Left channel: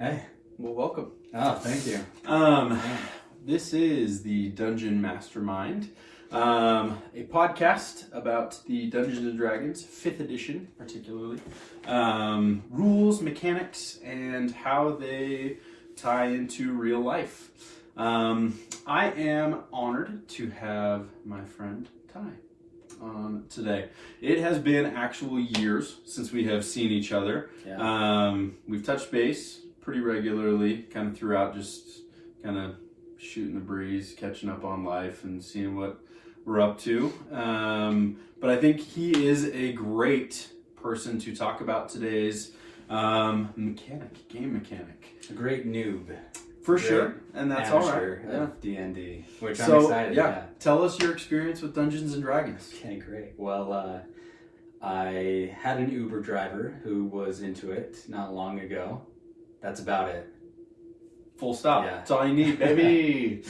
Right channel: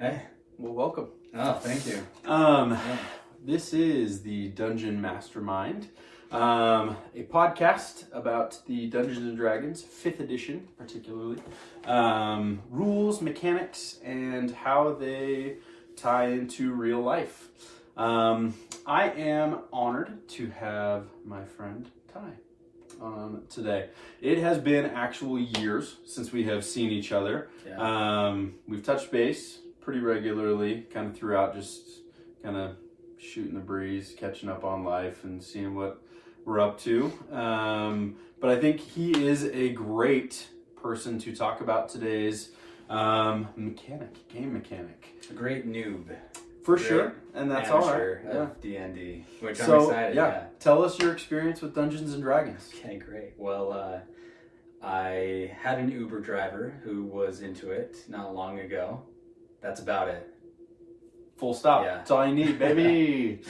Hey. Well, welcome. Oh, thank you. This is the Dungeon Mastermind, a podcast about the Dungeons and Dragons 5th edition, particularly, rules, mechanics, and how they tie into real life. I am honored to have my friend Ty on today. It has been actual years since we have seen each other. Yeah. We've touched base pretty regularly, kind of throughout, just kind of shooting the breeze, catching up on life, and seeing what we're up to. But I think he is a great person to talk about today's game mechanic. A great noob. For sure, and that's all right. Of D&D, which So, I'm excited. Yeah, tell us your experience with Dungeons and Dragons. Okay, great. Well, I had an Uber driver who was into it not long ago. That's about it. Full stop. Yeah. That's all you need, baby.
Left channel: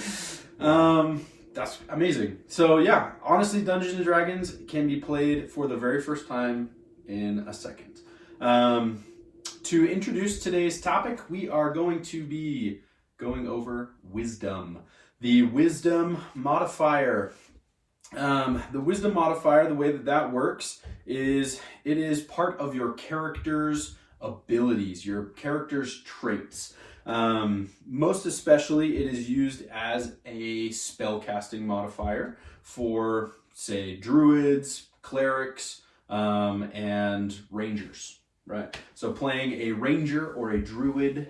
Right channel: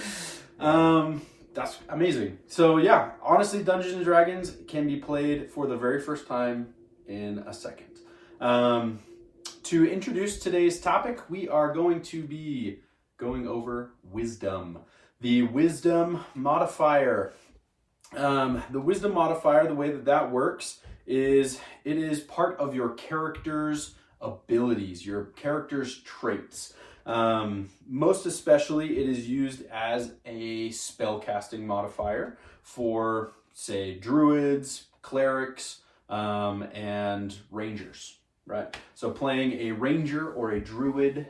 That's amazing. So yeah, honestly, Dungeons and Dragons can be played for the very first time in a second. To introduce today's topic, we are going to be going over wisdom. The wisdom modifier. The wisdom modifier, the way that works is it is part of your character's abilities, your character's traits. Most especially, it is used as a spellcasting modifier for, say, Druids, Clerics, and Rangers, right? So playing a Ranger or a Druid,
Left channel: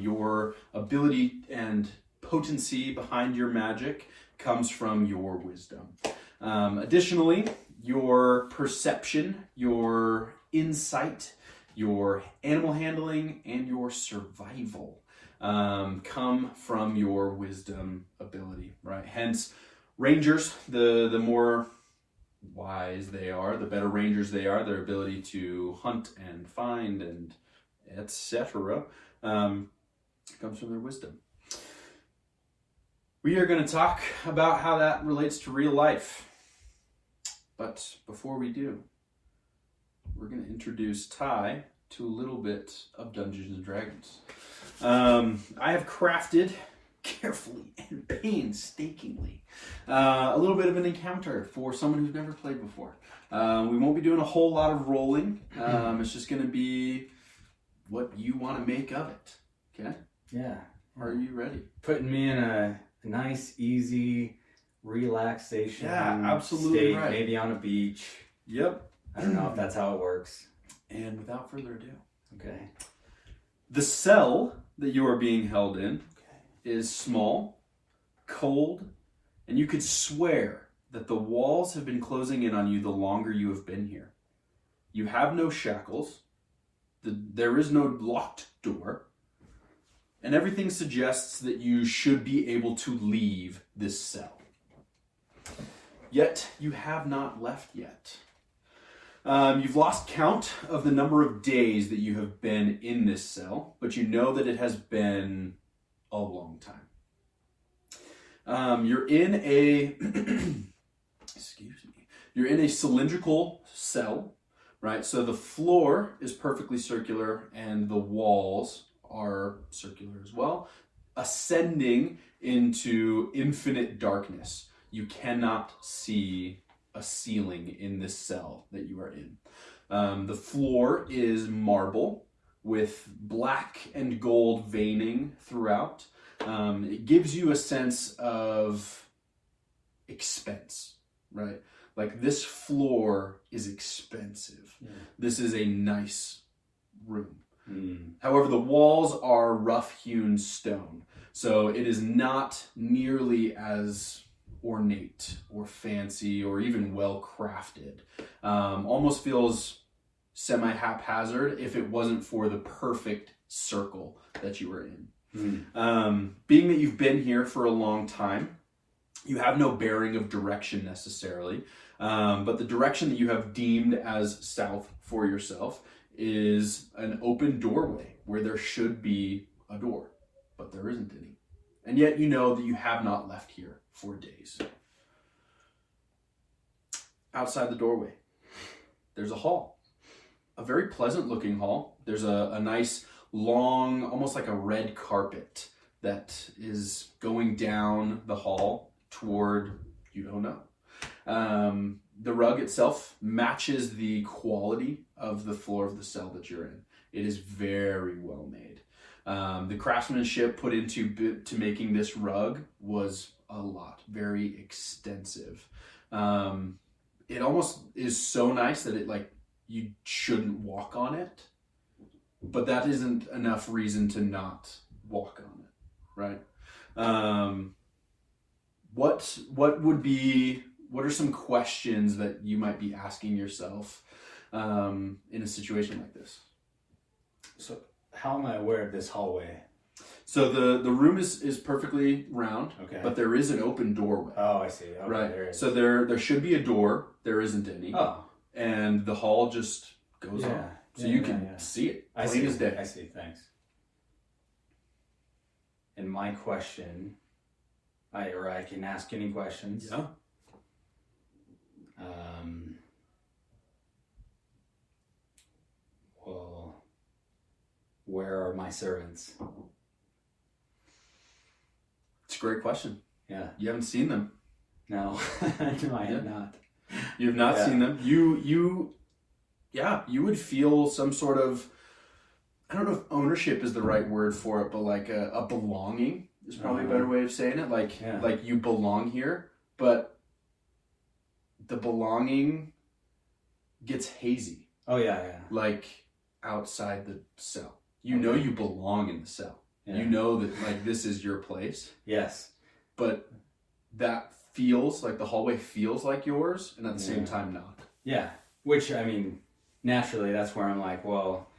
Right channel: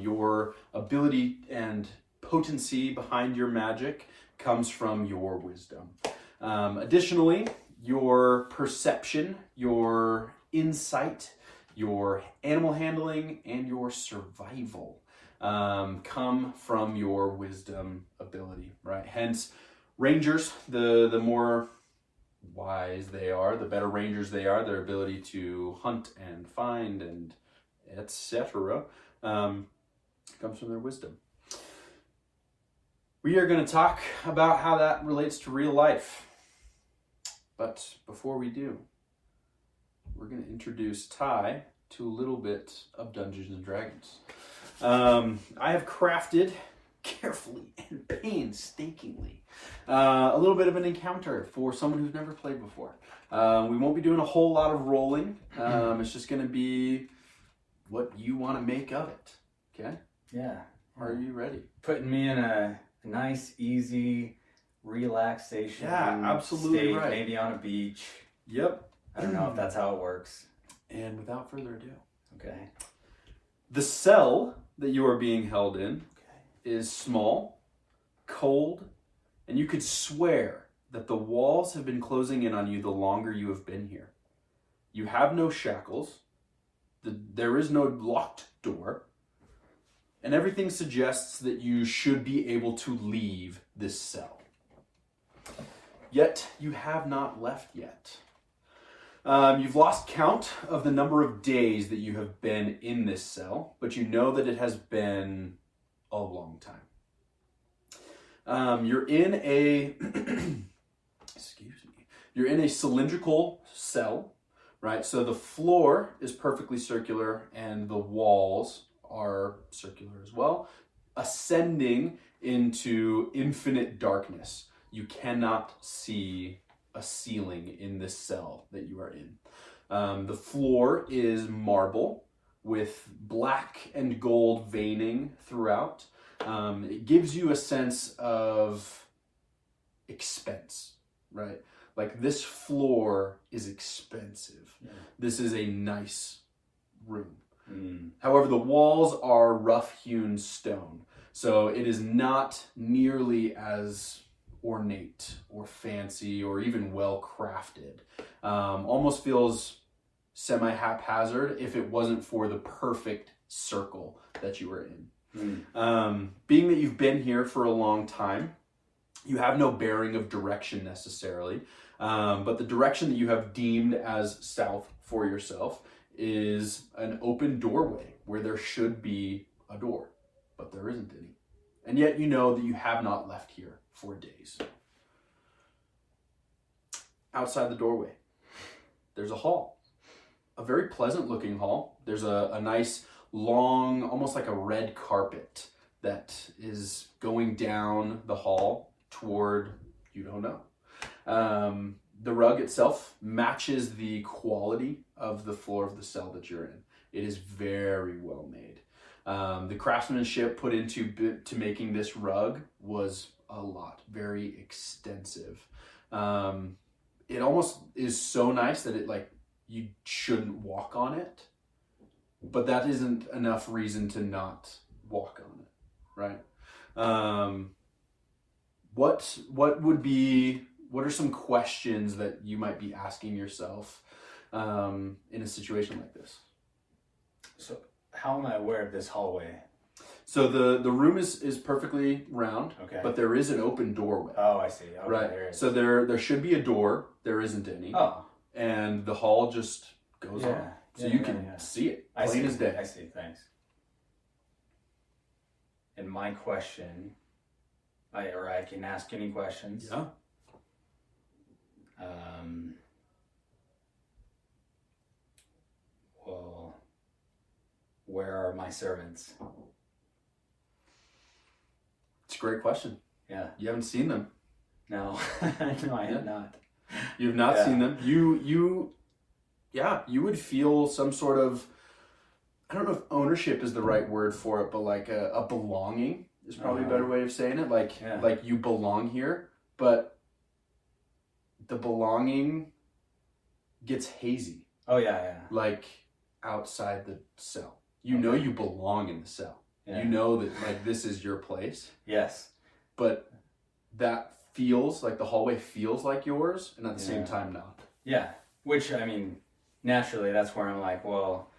your ability and potency behind your magic comes from your wisdom. Additionally, your perception, your insight, your animal handling, and your survival come from your wisdom ability, right? Hence, Rangers, the more wise they are, the better Rangers they are, their ability to hunt and find and etc. Comes from their wisdom. We are going to talk about how that relates to real life. But before we do, we're going to introduce Ty to a little bit of Dungeons and Dragons. I have crafted carefully and painstakingly a little bit of an encounter for someone who's never played before. We won't be doing a whole lot of rolling. It's just going to be what you want to make of it. Okay? Yeah. Are you ready? Putting me in a nice, easy relaxation absolutely state, right. maybe on a beach. Yep. I don't know if that's how it works. And without further ado. Okay. The cell that you are being held in is small, cold, and you could swear that the walls have been closing in on you the longer you have been here. You have no shackles. There is no locked door. And everything suggests that you should be able to leave this cell. Yet, you have not left yet. You've lost count of the number of days that you have been in this cell, but you know that it has been a long time. You're in a you're in a cylindrical cell, right? So the floor is perfectly circular and the walls are circular as well, ascending into infinite darkness. You cannot see a ceiling in this cell that you are in. The floor is marble with black and gold veining throughout. It gives you a sense of expense, right? Like, this floor is expensive. Yeah. This is a nice room. However, the walls are rough-hewn stone, so it is not nearly as ornate or fancy or even well-crafted. Almost feels semi-haphazard if it wasn't for the perfect circle that you were in. Being that you've been here for a long time, you have no bearing of direction necessarily, but the direction that you have deemed as south for yourself is an open doorway where there should be a door, but there isn't any. And yet you know that you have not left here for days. Outside the doorway, there's a hall. A very pleasant looking hall. There's a nice long, almost like a red carpet that is going down the hall toward, you don't know. The rug itself matches the quality of the floor of the cell that you're in. It is very well made. The craftsmanship put into to making this rug was a lot, very extensive. It almost is so nice that it like you shouldn't walk on it, but that isn't enough reason to not walk on it, right? What are some questions that you might be asking yourself in a situation like this? So how am I aware of this hallway? So the room is perfectly round, Okay. but there is an open doorway. Oh, I see. Okay, right. There is. So there should be a door. There isn't any. Oh. And the hall just goes Yeah. on. So Yeah, you yeah, can yeah. see it. I Plain see. as day. I see. Thanks. And my question, I can ask any questions. Yeah. Well, where are my servants? It's a great question. Yeah. You haven't seen them. No, no, I have not. You have not seen them. You would feel some sort of, I don't know if ownership is the right word for it, but like a belonging is probably a better way of saying it. Like you belong here, but the belonging gets hazy. Oh yeah. Like outside the cell. You know you belong in the cell. Yeah. You know that like this is your place. Yes. But that feels like the hallway feels like yours, and at the same time not. Yeah. Which, I mean, naturally that's where I'm like, well,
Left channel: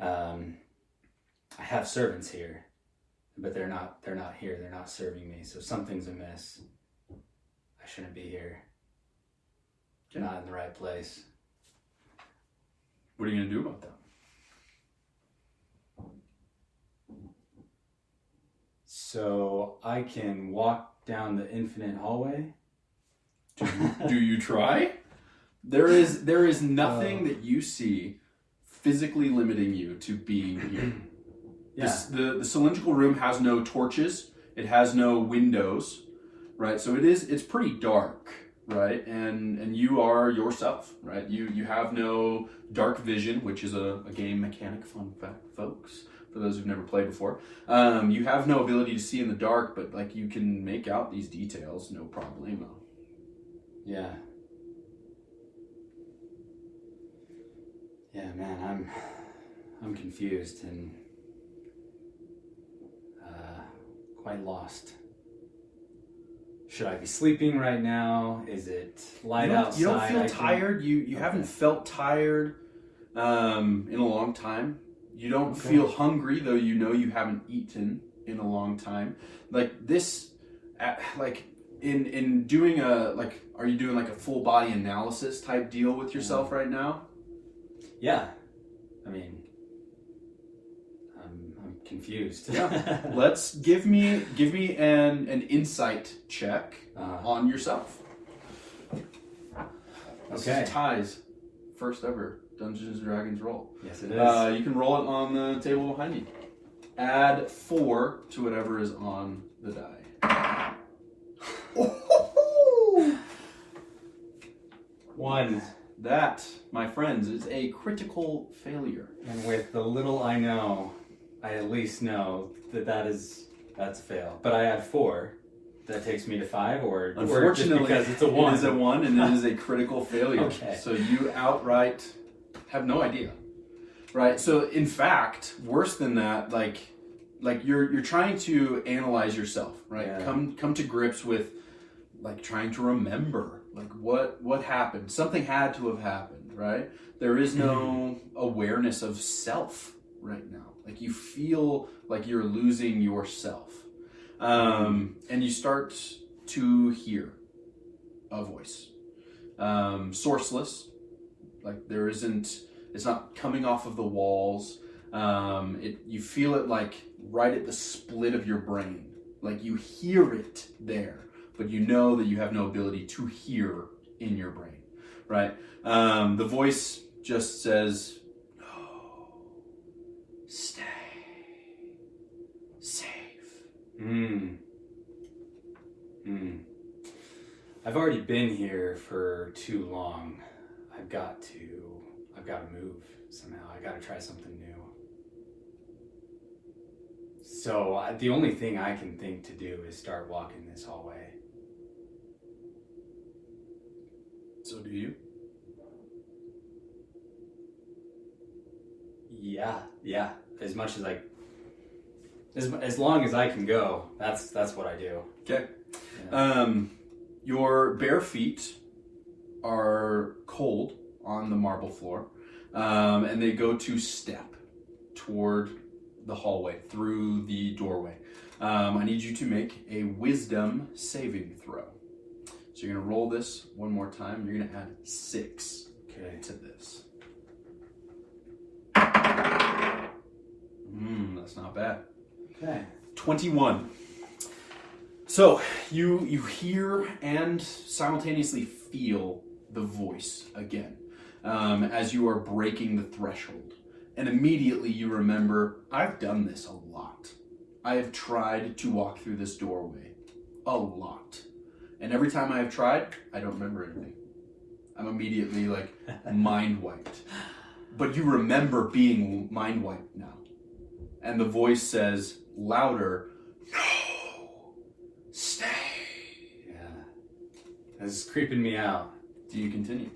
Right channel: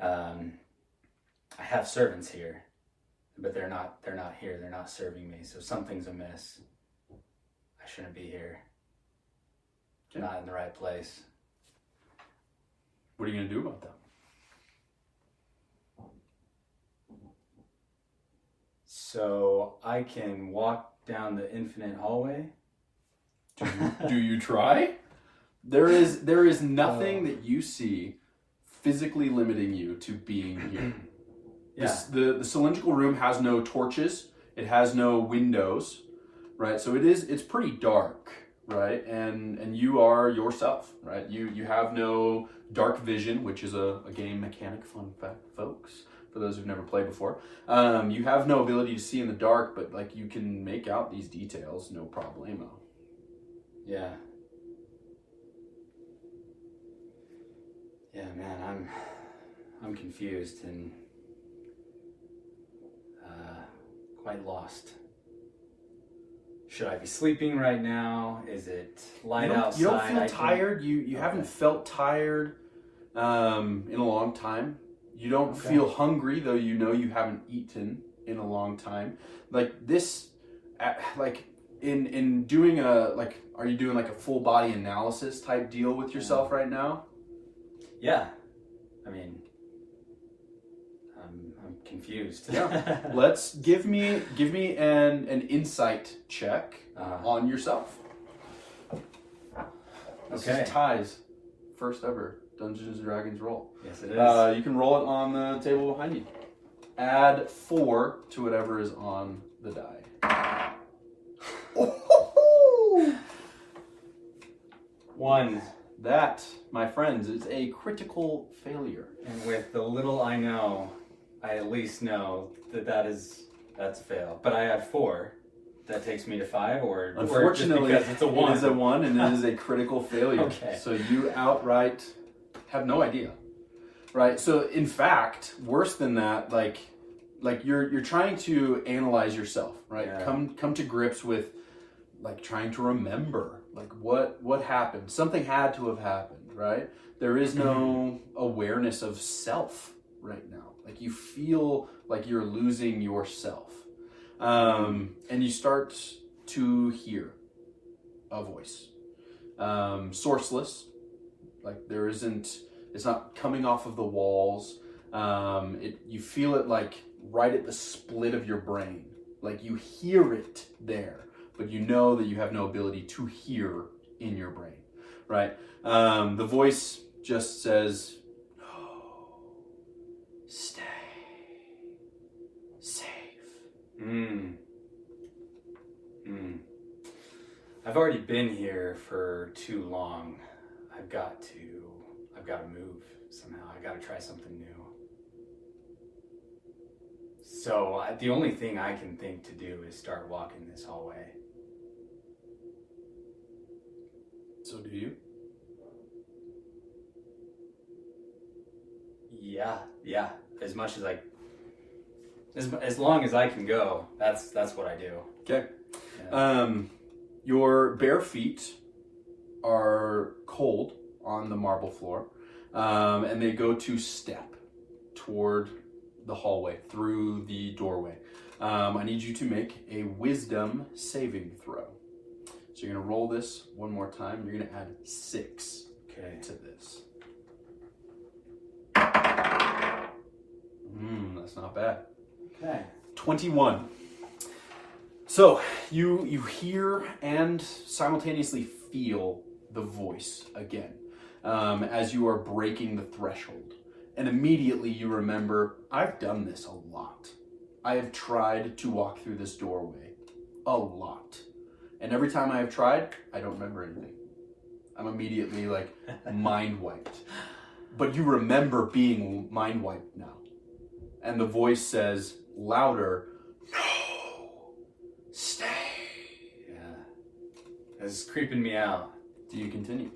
I have servants here, but they're not here. They're not serving me. So something's amiss. I shouldn't be here. Not in the right place. What are you going to do about that? So I can walk down the infinite hallway. Do you try? There is nothing that you see physically limiting you to being here. Yeah. The cylindrical room has no torches. It has no windows, right? So it's pretty dark, right? And you are yourself, right? You have no dark vision, which is a game mechanic, fun fact, folks, for those who've never played before. You have no ability to see in the dark, but like you can make out these details, no problemo. Yeah. Yeah, man, I'm confused and quite lost. Should I be sleeping right now? Is it light outside? You don't feel tired. You haven't felt tired in a long time. You don't feel hungry, though you know you haven't eaten in a long time. Like this, like in doing are you doing like a full body analysis type deal with yourself right now? Yeah, I mean, I'm confused. Yeah. Let's give me an insight check on yourself. This is Ty's first ever Dungeons and Dragons roll. Yes, it is. You can roll it on the table behind you. Add 4 to whatever is on the die. Oh! 1. That, my friends, is a critical failure. And with the little I know, I at least know that's a fail. But I add 4. That takes me to 5, or unfortunately, just because it's a 1. It is a 1, and it is a critical failure. Okay. So you outright have no idea, right? So in fact, worse than that, like you're trying to analyze yourself, right? Yeah. Come to grips with like trying to remember like what happened. Something had to have happened, right? There is no awareness of self right now. Like you feel like you're losing yourself. And you start to hear a voice. Sourceless. Like it's not coming off of the walls. You feel it like right at the split of your brain. Like you hear it there, but you know that you have no ability to hear in your brain, right? The voice just says, "No, I've already been here for too long. I've got to move somehow. I got to try something new. So the only thing I can think to do is start walking this hallway. So do you? Yeah. As much as as long as I can go, that's what I do. Okay. Yeah. Your bare feet are cold on the marble floor, and they go to step toward the hallway through the doorway. I need you to make a wisdom saving throw. So you're going to roll this one more time. You're going to add 6 to this. That's not bad. Okay. 21. So you hear and simultaneously feel the voice again as you are breaking the threshold. And immediately you remember, I've done this a lot. I have tried to walk through this doorway a lot. And every time I have tried, I don't remember anything. I'm immediately like mind wiped. But you remember being mind wiped now. And the voice says louder, no, stay. Yeah. It's creeping me out. Do you continue?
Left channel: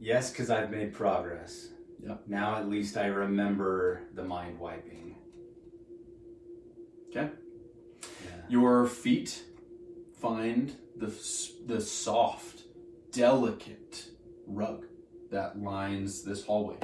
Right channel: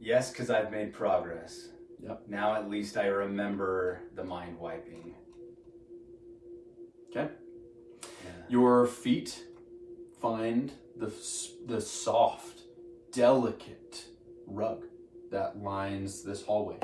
Yes, because I've made progress. Yep. Now at least I remember the mind wiping. Okay. Yeah. Your feet find the soft, delicate rug that lines this hallway.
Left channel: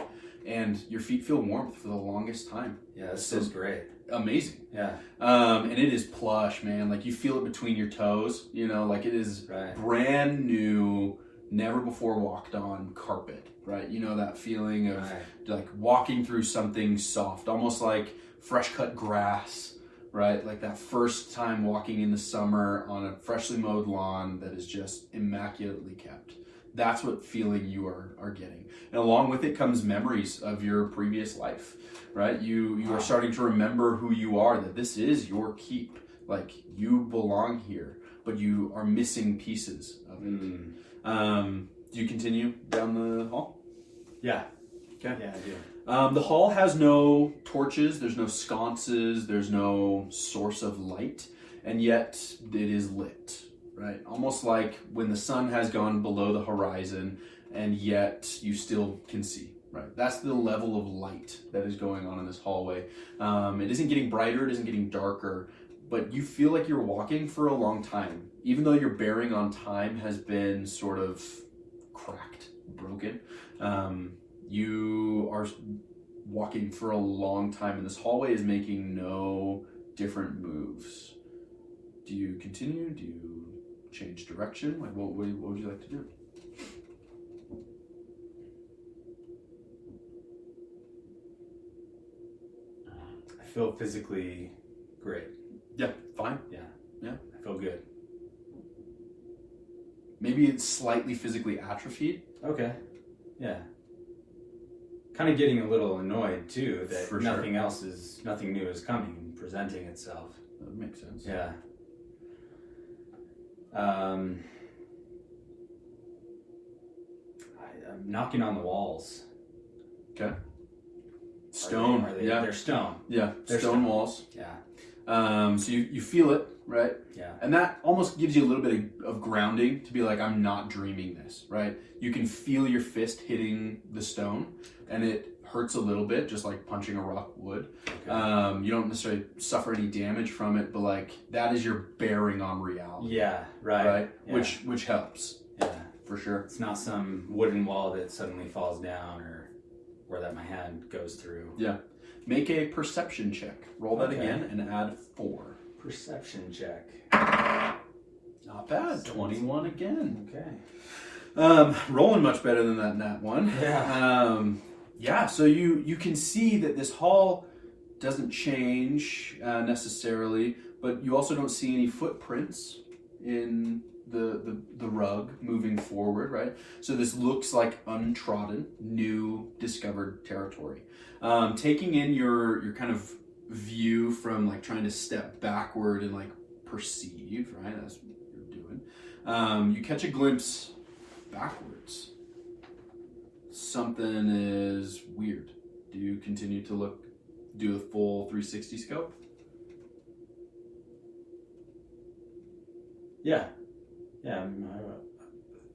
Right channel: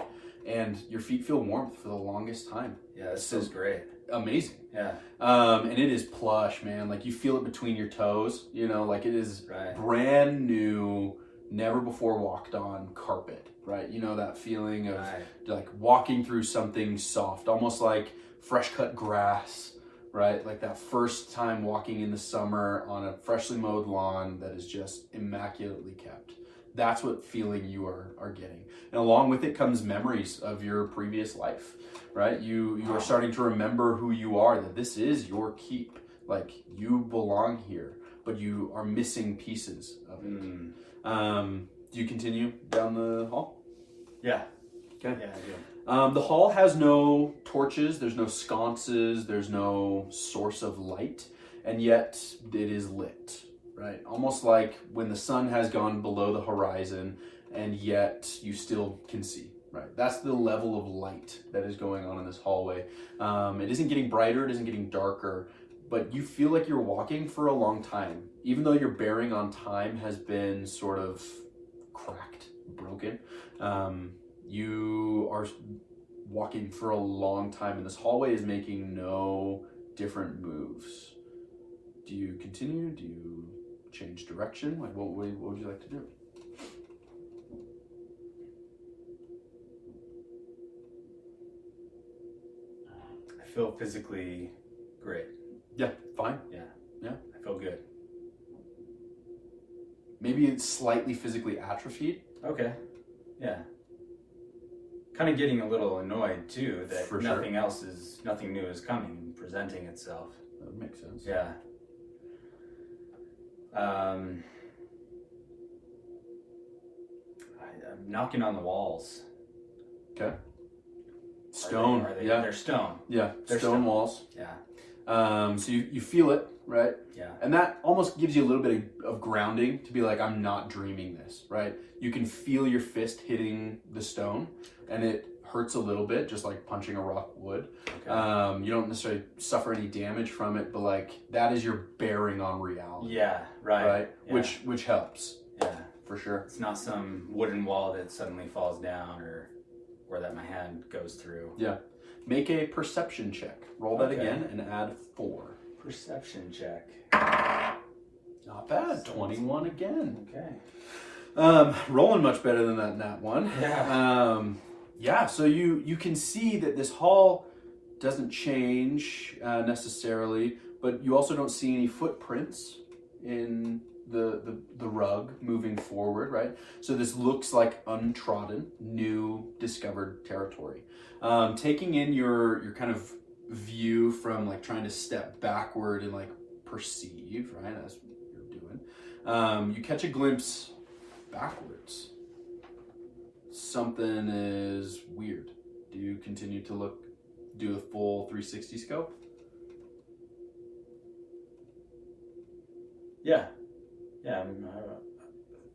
And your feet feel warmth for the longest time. Yeah, this feels great. Amazing. Yeah. And it is plush, man. Like you feel it between your toes, you know, like it is brand new, never before walked on carpet, right? You know, that feeling of like walking through something soft, almost like fresh cut grass, right? Like that first time walking in the summer on a freshly mowed lawn that is just immaculately kept. That's what feeling you are getting. And along with it comes memories of your previous life, right? You are starting to remember who you are, that this is your keep. Like you belong here, but you are missing pieces of it. Do you continue down the hall? Yeah. Okay. Yeah, I do. The hall has no torches, there's no sconces, there's no source of light, and yet it is lit. Right, almost like when the sun has gone below the horizon, and yet you still can see. Right, that's the level of light that is going on in this hallway. It isn't getting brighter, it isn't getting darker, but you feel like you're walking for a long time, even though your bearing on time has been sort of cracked, broken. You are walking for a long time, and this hallway is making no different moves. Do you continue? Do you change direction? Like, what would you like to do? I feel physically great. Yeah, fine. Yeah. I feel good. Maybe it's slightly physically atrophied. Okay. Yeah. Kind of getting a little annoyed too that For nothing new is coming and presenting itself. That makes sense. Yeah. I'm knocking on the walls. Okay. Stone. Yeah. They're stone. Yeah. They're stone walls. Yeah. So you feel it, right? Yeah. And that almost gives you a little bit of grounding to be like, I'm not dreaming this, right? You can feel your fist hitting the stone, and it hurts a little bit, just like punching a rock would. Okay. You don't necessarily suffer any damage from it, but like that is your bearing on reality. Yeah, right. Yeah. Which helps. Yeah. For sure. It's not some wooden wall that suddenly falls down or where that my hand goes through. Yeah. Make a perception check. Roll that again and add 4. Perception check. Not bad. 21 again. Okay. Rolling much better than that nat one. Yeah. So you can see that this hall doesn't change necessarily, but you also don't see any footprints in the rug moving forward, right? So this looks like untrodden, new discovered territory. Taking in your kind of view from like trying to step backward and like perceive, right? That's what you're doing. You catch a glimpse backwards. Something is weird. Do you continue to look, do a full 360 scope? Yeah.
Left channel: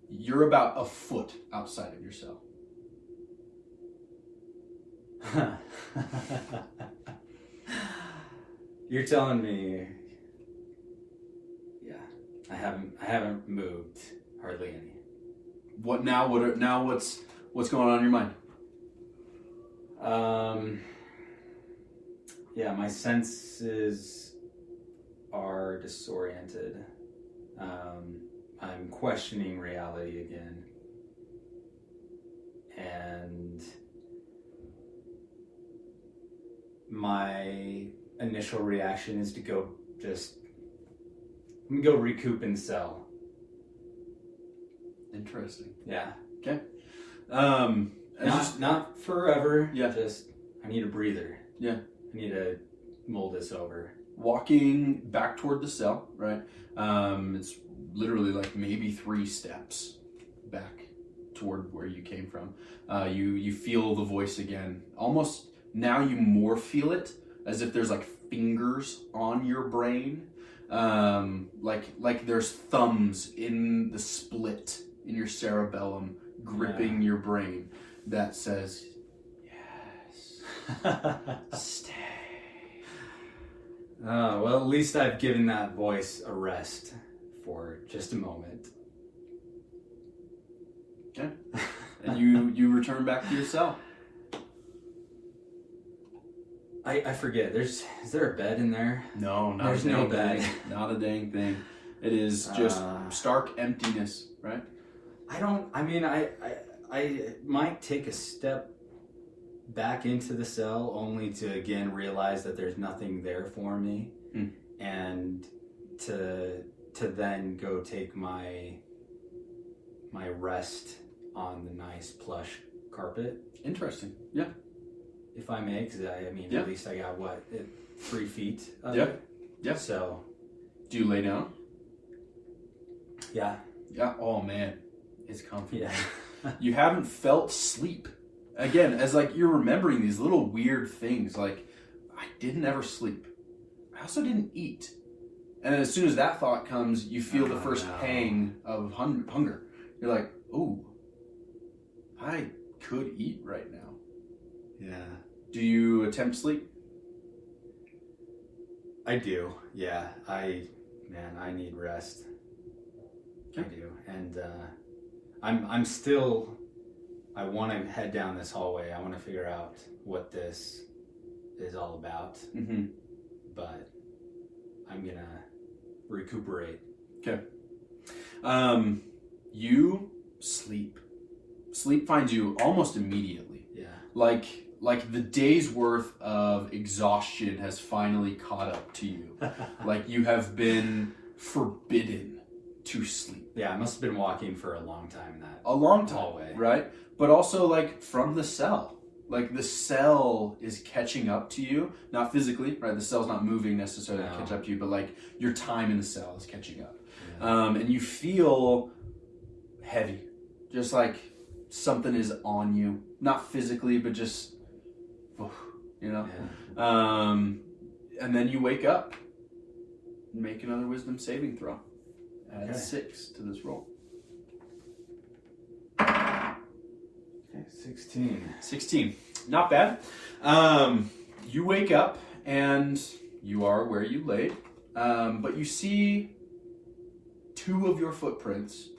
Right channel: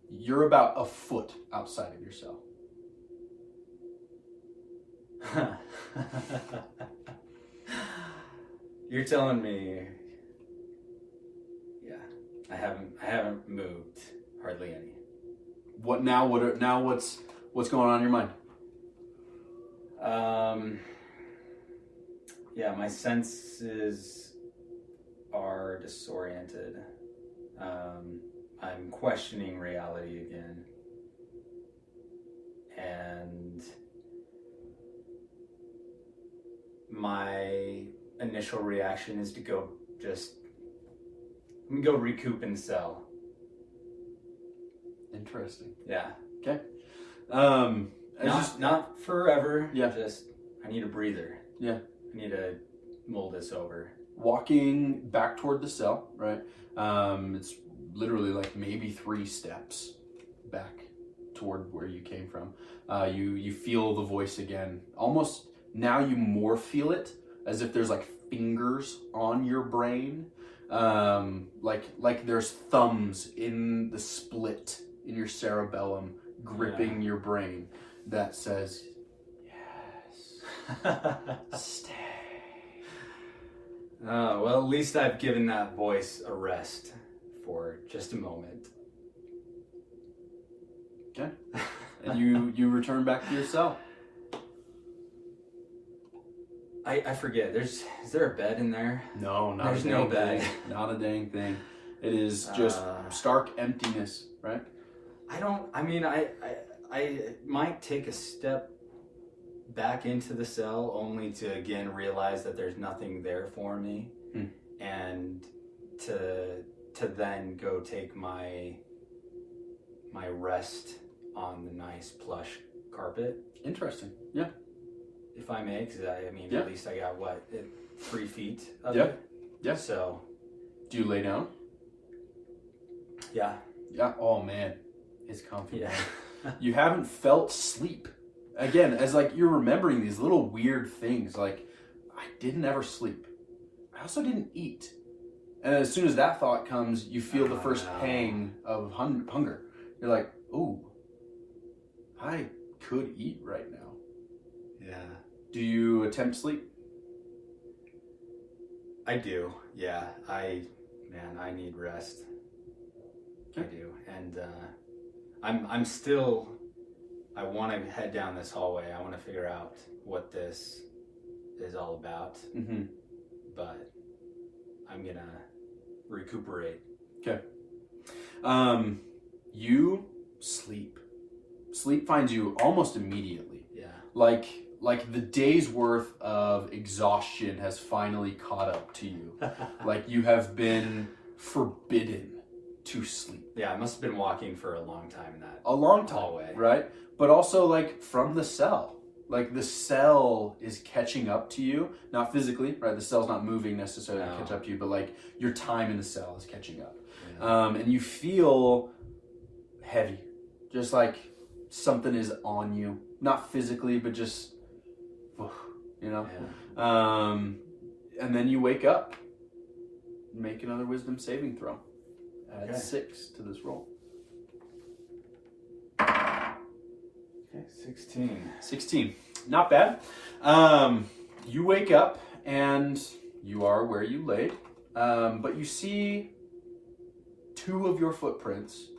You're about a foot outside of your cell. You're telling me, yeah, I haven't moved hardly any. What now? What's going on in your mind? Yeah, my senses are disoriented. I'm questioning reality again. And my initial reaction is to go I'm gonna go recoup in cell. Interesting. Yeah. Okay. Not forever. Yeah. Just I need a breather. Yeah. I need to mull this over. Walking back toward the cell, right? It's literally like maybe 3 steps back toward where you came from. You feel the voice again. Almost now you more feel it as if there's like fingers on your brain. Like there's thumbs in the split in your cerebellum gripping your brain that says, yes, stay. Well, at least I've given that voice a rest for just a moment. Okay. And you return back to your cell. I forget. Is there a bed in there? No, not There's a dang no bed. thing. Not a dang thing. It is just stark emptiness, right? I might take a step back into the cell only to again realize that there's nothing there for me, and to then go take my rest on the nice plush carpet. Interesting. Yeah. If I may, because at least I got 3 feet of Yep. it. Yep. So, Do you lay down? yeah. Yeah. Oh man, it's comfy. Yeah. You haven't felt sleep. Again, as like you're remembering these little weird things, like I didn't ever sleep. I also didn't eat. And as soon as that thought comes, you feel the first pang of hunger. You're like, ooh, I could eat right now. Yeah. Do you attempt sleep? I do. Yeah. I need rest. I do. And I'm still, I want to head down this hallway. I want to figure out what this is all about. Mm-hmm. But I'm going to recuperate. Okay. You sleep. Sleep finds you almost immediately. Yeah. Like the day's worth of exhaustion has finally caught up to you. Like you have been forbidden to sleep. Yeah, I must have been walking for a long time in that A long time, hallway. right? But also like from the cell. Like the cell is catching up to you. Not physically, right? The cell's not moving necessarily to catch up to you, but like your time in the cell is catching up. Yeah. And you feel heavy. Just like something is on you. Not physically, but just, you know? Yeah. And then you wake up. Make another wisdom saving throw. Add 6 to this roll. Okay, 16. 16. Not bad. You wake up and you are where you laid. But you see 2 of your footprints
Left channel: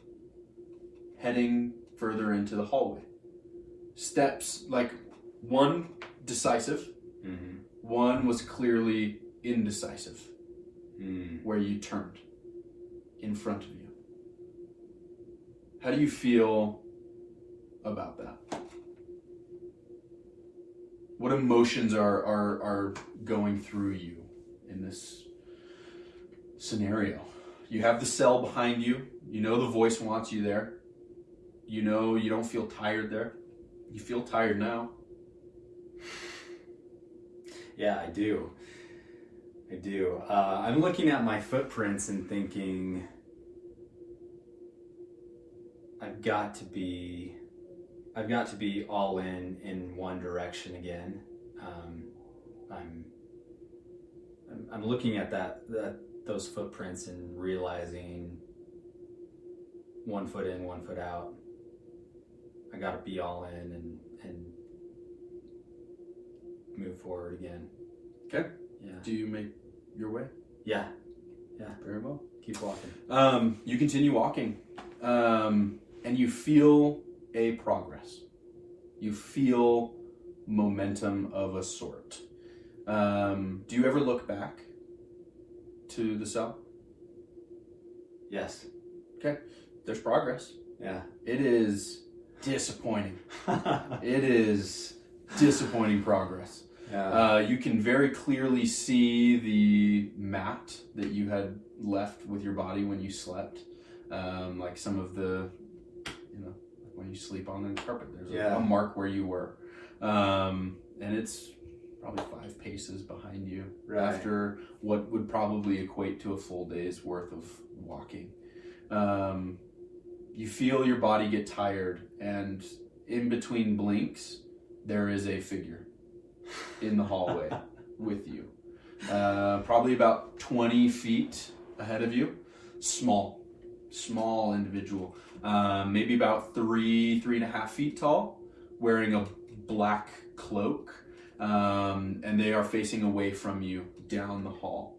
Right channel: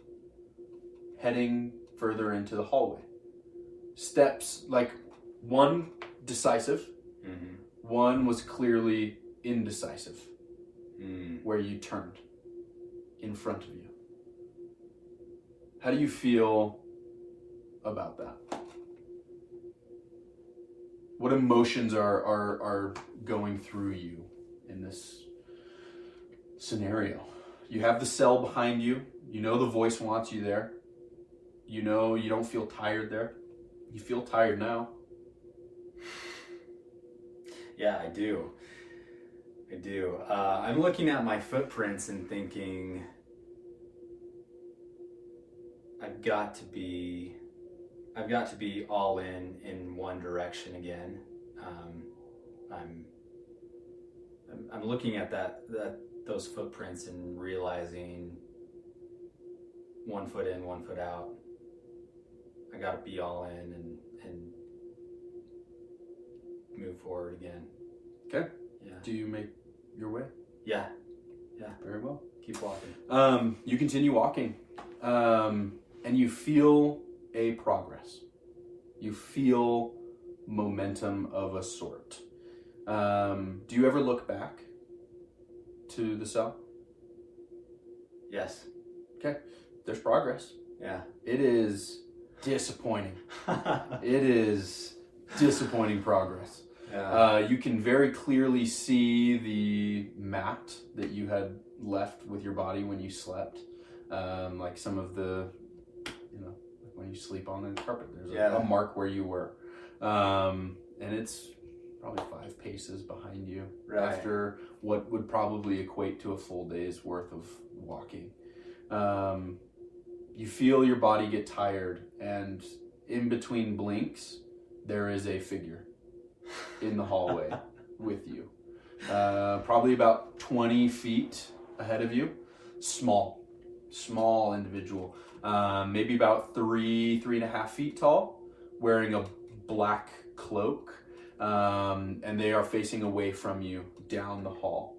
heading further into the hallway. Steps, like one decisive, one was clearly indecisive, where you turned in front of you. How do you feel about that? What emotions are going through you in this scenario? You have the cell behind you. You know the voice wants you there. You know you don't feel tired there. You feel tired now. Yeah, I do. I'm looking at my footprints and thinking, got to be all in one direction again. I'm looking at those footprints and realizing 1 foot in, 1 foot out. I got to be all in and move forward again. Okay. Yeah. Do you make your way? Yeah. Very well. Keep walking. You continue walking, and you feel a progress. You feel momentum of a sort. Do you ever look back to the cell? Yes. Okay. There's progress. Yeah. It is disappointing. It is disappointing progress. Yeah. You can very clearly see the mat that you had left with your body when you slept. Like some of the, when you sleep on the carpet, there's a mark where you were. And it's probably 5 paces behind you after what would probably equate to a full day's worth of walking. You feel your body get tired, and in between blinks, there is a figure in the hallway with you. Probably about 20 feet ahead of you. Small individual. Maybe about 3.5 feet tall, wearing a black cloak. And they are facing away from you down the hall.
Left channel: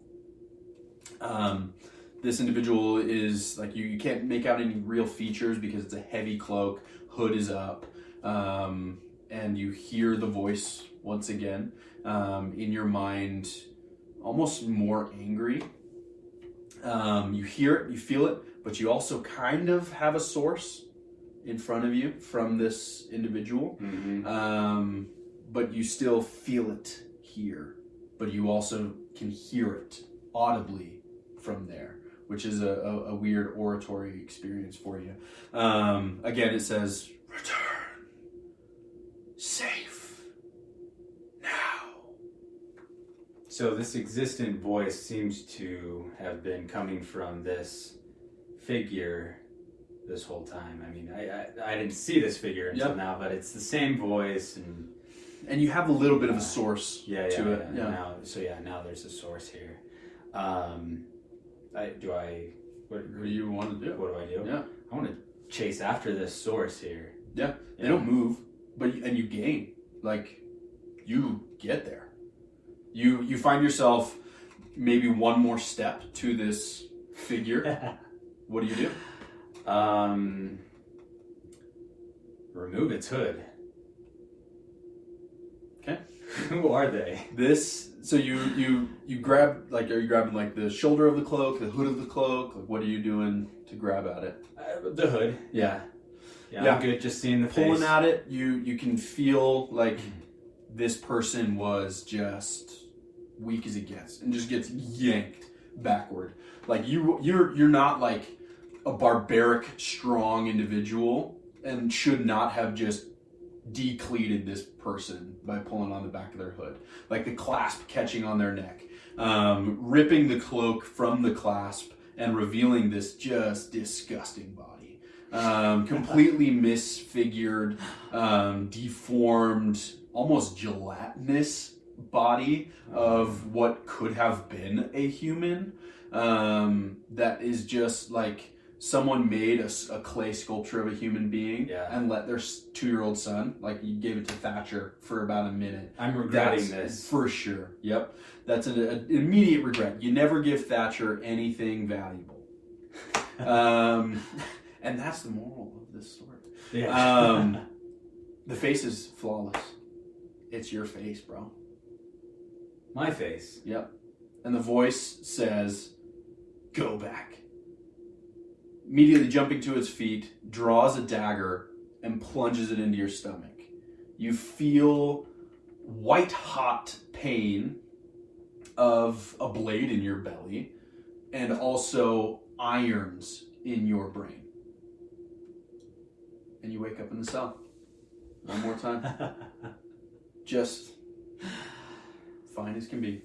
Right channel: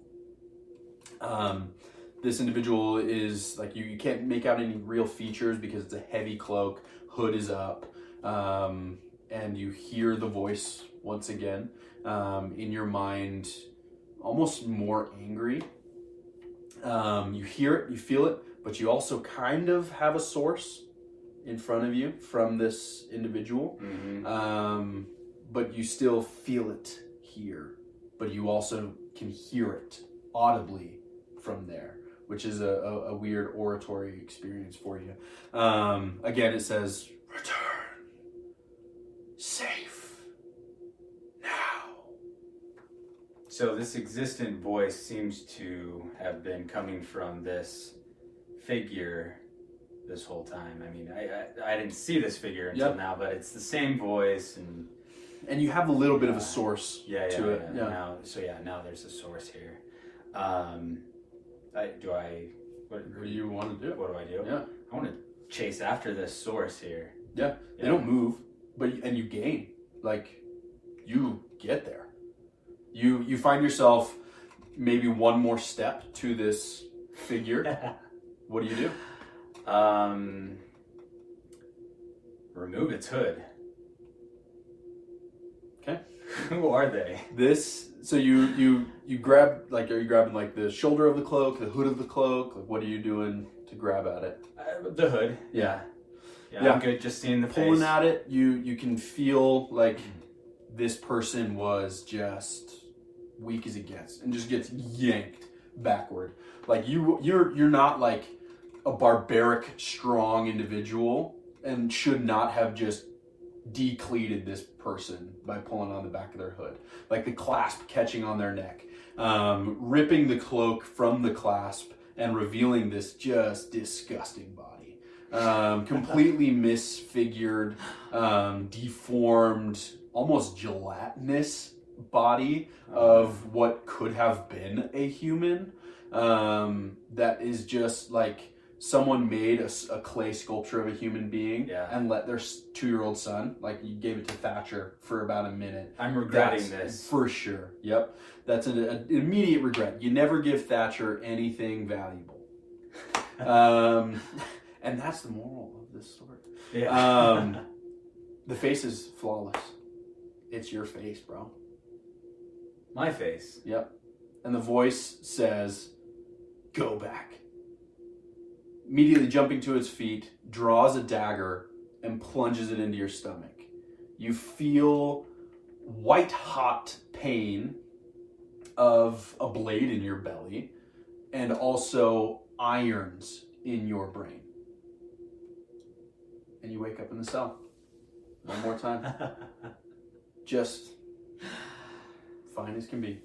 This individual is like, you can't make out any real features because it's a heavy cloak, hood is up, and you hear the voice once again, in your mind, almost more angry. You hear it, you feel it, but you also kind of have a source in front of you from this individual. Mm-hmm. But you still feel it here, but you also can hear it audibly from there, which is a weird oratory experience for you. Again, it says, "Return, safe, now." So this existent voice seems to have been coming from this figure this whole time. I mean, I didn't see this figure until now, but it's the same voice, and you have a little bit of a source to it. Yeah. Now there's a source here. What do you want to do? What do I do? Yeah. I want to chase after this source here. Yeah. They don't move, and you gain. Like, you get there. You find yourself maybe one more step to this figure. What do you do? Remove its hood. Okay. Who are they? So you grab, like, are you grabbing like the shoulder of the cloak, the hood of the cloak? Like, what are you doing to grab at it? The hood. Yeah. I'm good. Just seeing the pulling face. At it. You can feel like this person was just weak as it gets, and just gets yanked backward. Like you're not like a barbaric, strong individual, and should not have just decleated this person by pulling on the back of their hood. Like the clasp catching on their neck, ripping the cloak from the clasp and revealing this just disgusting body. Completely misfigured, deformed, almost gelatinous body of what could have been a human. That is just like someone made a clay sculpture of a human being and let their 2-year-old son, like you gave it to Thatcher for about a minute. I'm regretting this. For sure. Yep. That's an immediate regret. You never give Thatcher anything valuable. And that's the moral of this story. Yeah. The face is flawless. It's your face, bro. My face. Yep. And the voice says, "Go back." Immediately jumping to his feet, draws a dagger and plunges it into your stomach. You feel white hot pain of a blade in your belly, and also irons in your brain. And you wake up in the cell. One more time. Just fine as can be.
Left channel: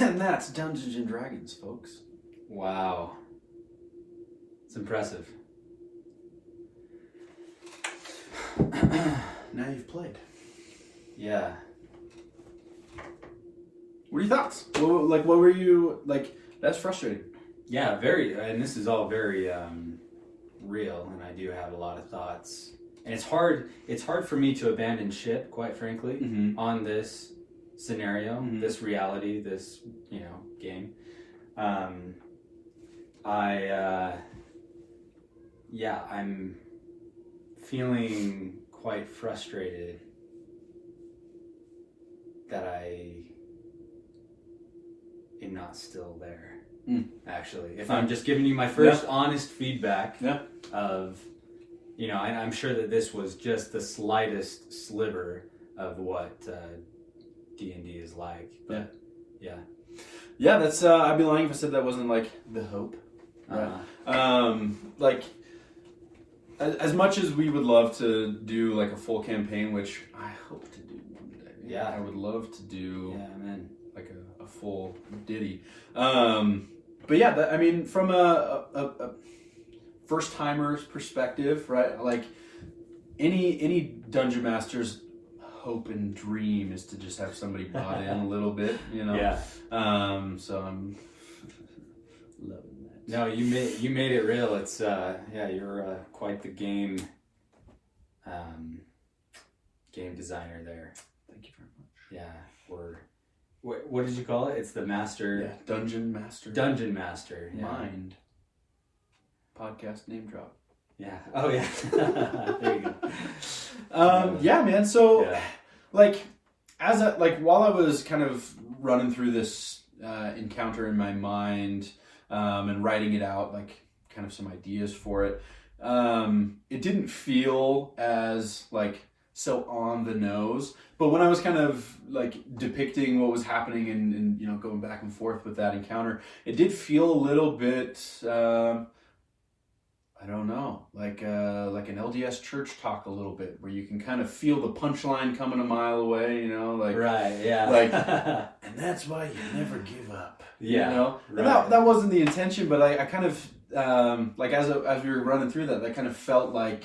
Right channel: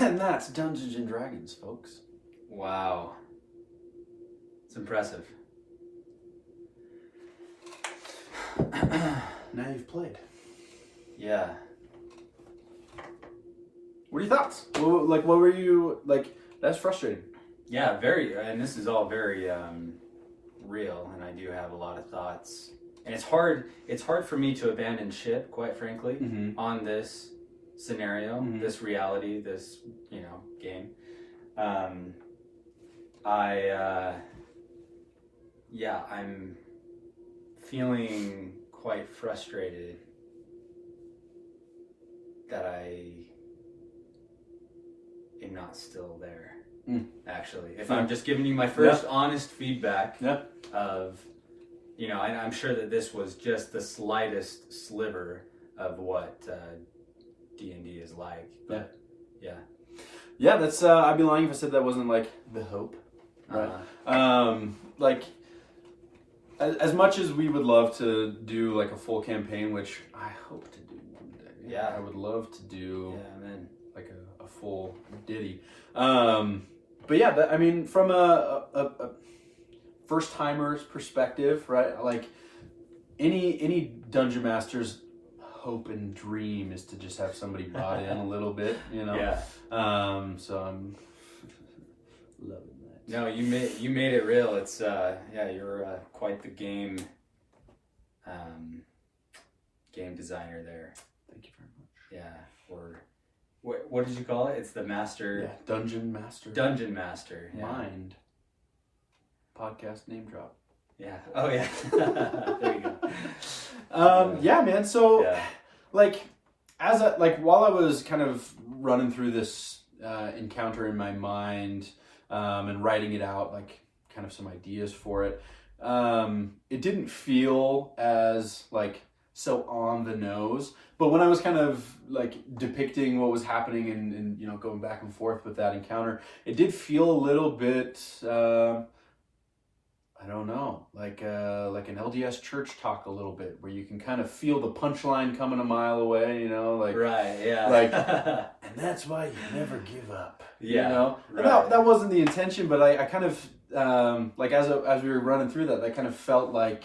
And that's Dungeons and Dragons, folks. Wow. It's impressive. Now you've played. Yeah. What are your thoughts? What were you like? That's frustrating. Yeah, very, and this is all very real, and I do have a lot of thoughts. And it's hard for me to abandon ship, quite frankly, on this scenario, this reality, this, game. I'm feeling quite frustrated that I am not still there. Actually, if I'm just giving you my first honest feedback of, I'm sure that this was just the slightest sliver of what D&D is like. But, yeah. That's I'd be lying if I said that wasn't like the hope. Right. Like, as much as we would love to do like a full campaign, which I hope to do one day. Yeah, I would love to do. Yeah, man. Like a full ditty. But yeah, I mean, from a first timer's perspective, right? Like any dungeon master's hope and dream is to just have somebody bought in a little bit, Yeah. So I'm loving that. No, you made it real. It's you're quite the game designer there. Thank you very much. Yeah, what did you call it? It's the master. Yeah, dungeon master. Dungeon master. Yeah. Mind. Podcast name drop. Yeah. Oh yeah. There you go. Yeah, man. So, like, while I was kind of running through this encounter in my mind and writing it out, like, kind of some ideas for it, it didn't feel as like so on the nose. But when I was kind of like depicting what was happening and going back and forth with that encounter, it did feel a little bit. I don't know, like an LDS church talk a little bit, where you can kind of feel the punchline coming a mile away, like right, yeah, like, and that's why you never give up. Yeah, right. That wasn't the intention, but I kind of like as we were running through that kind of felt like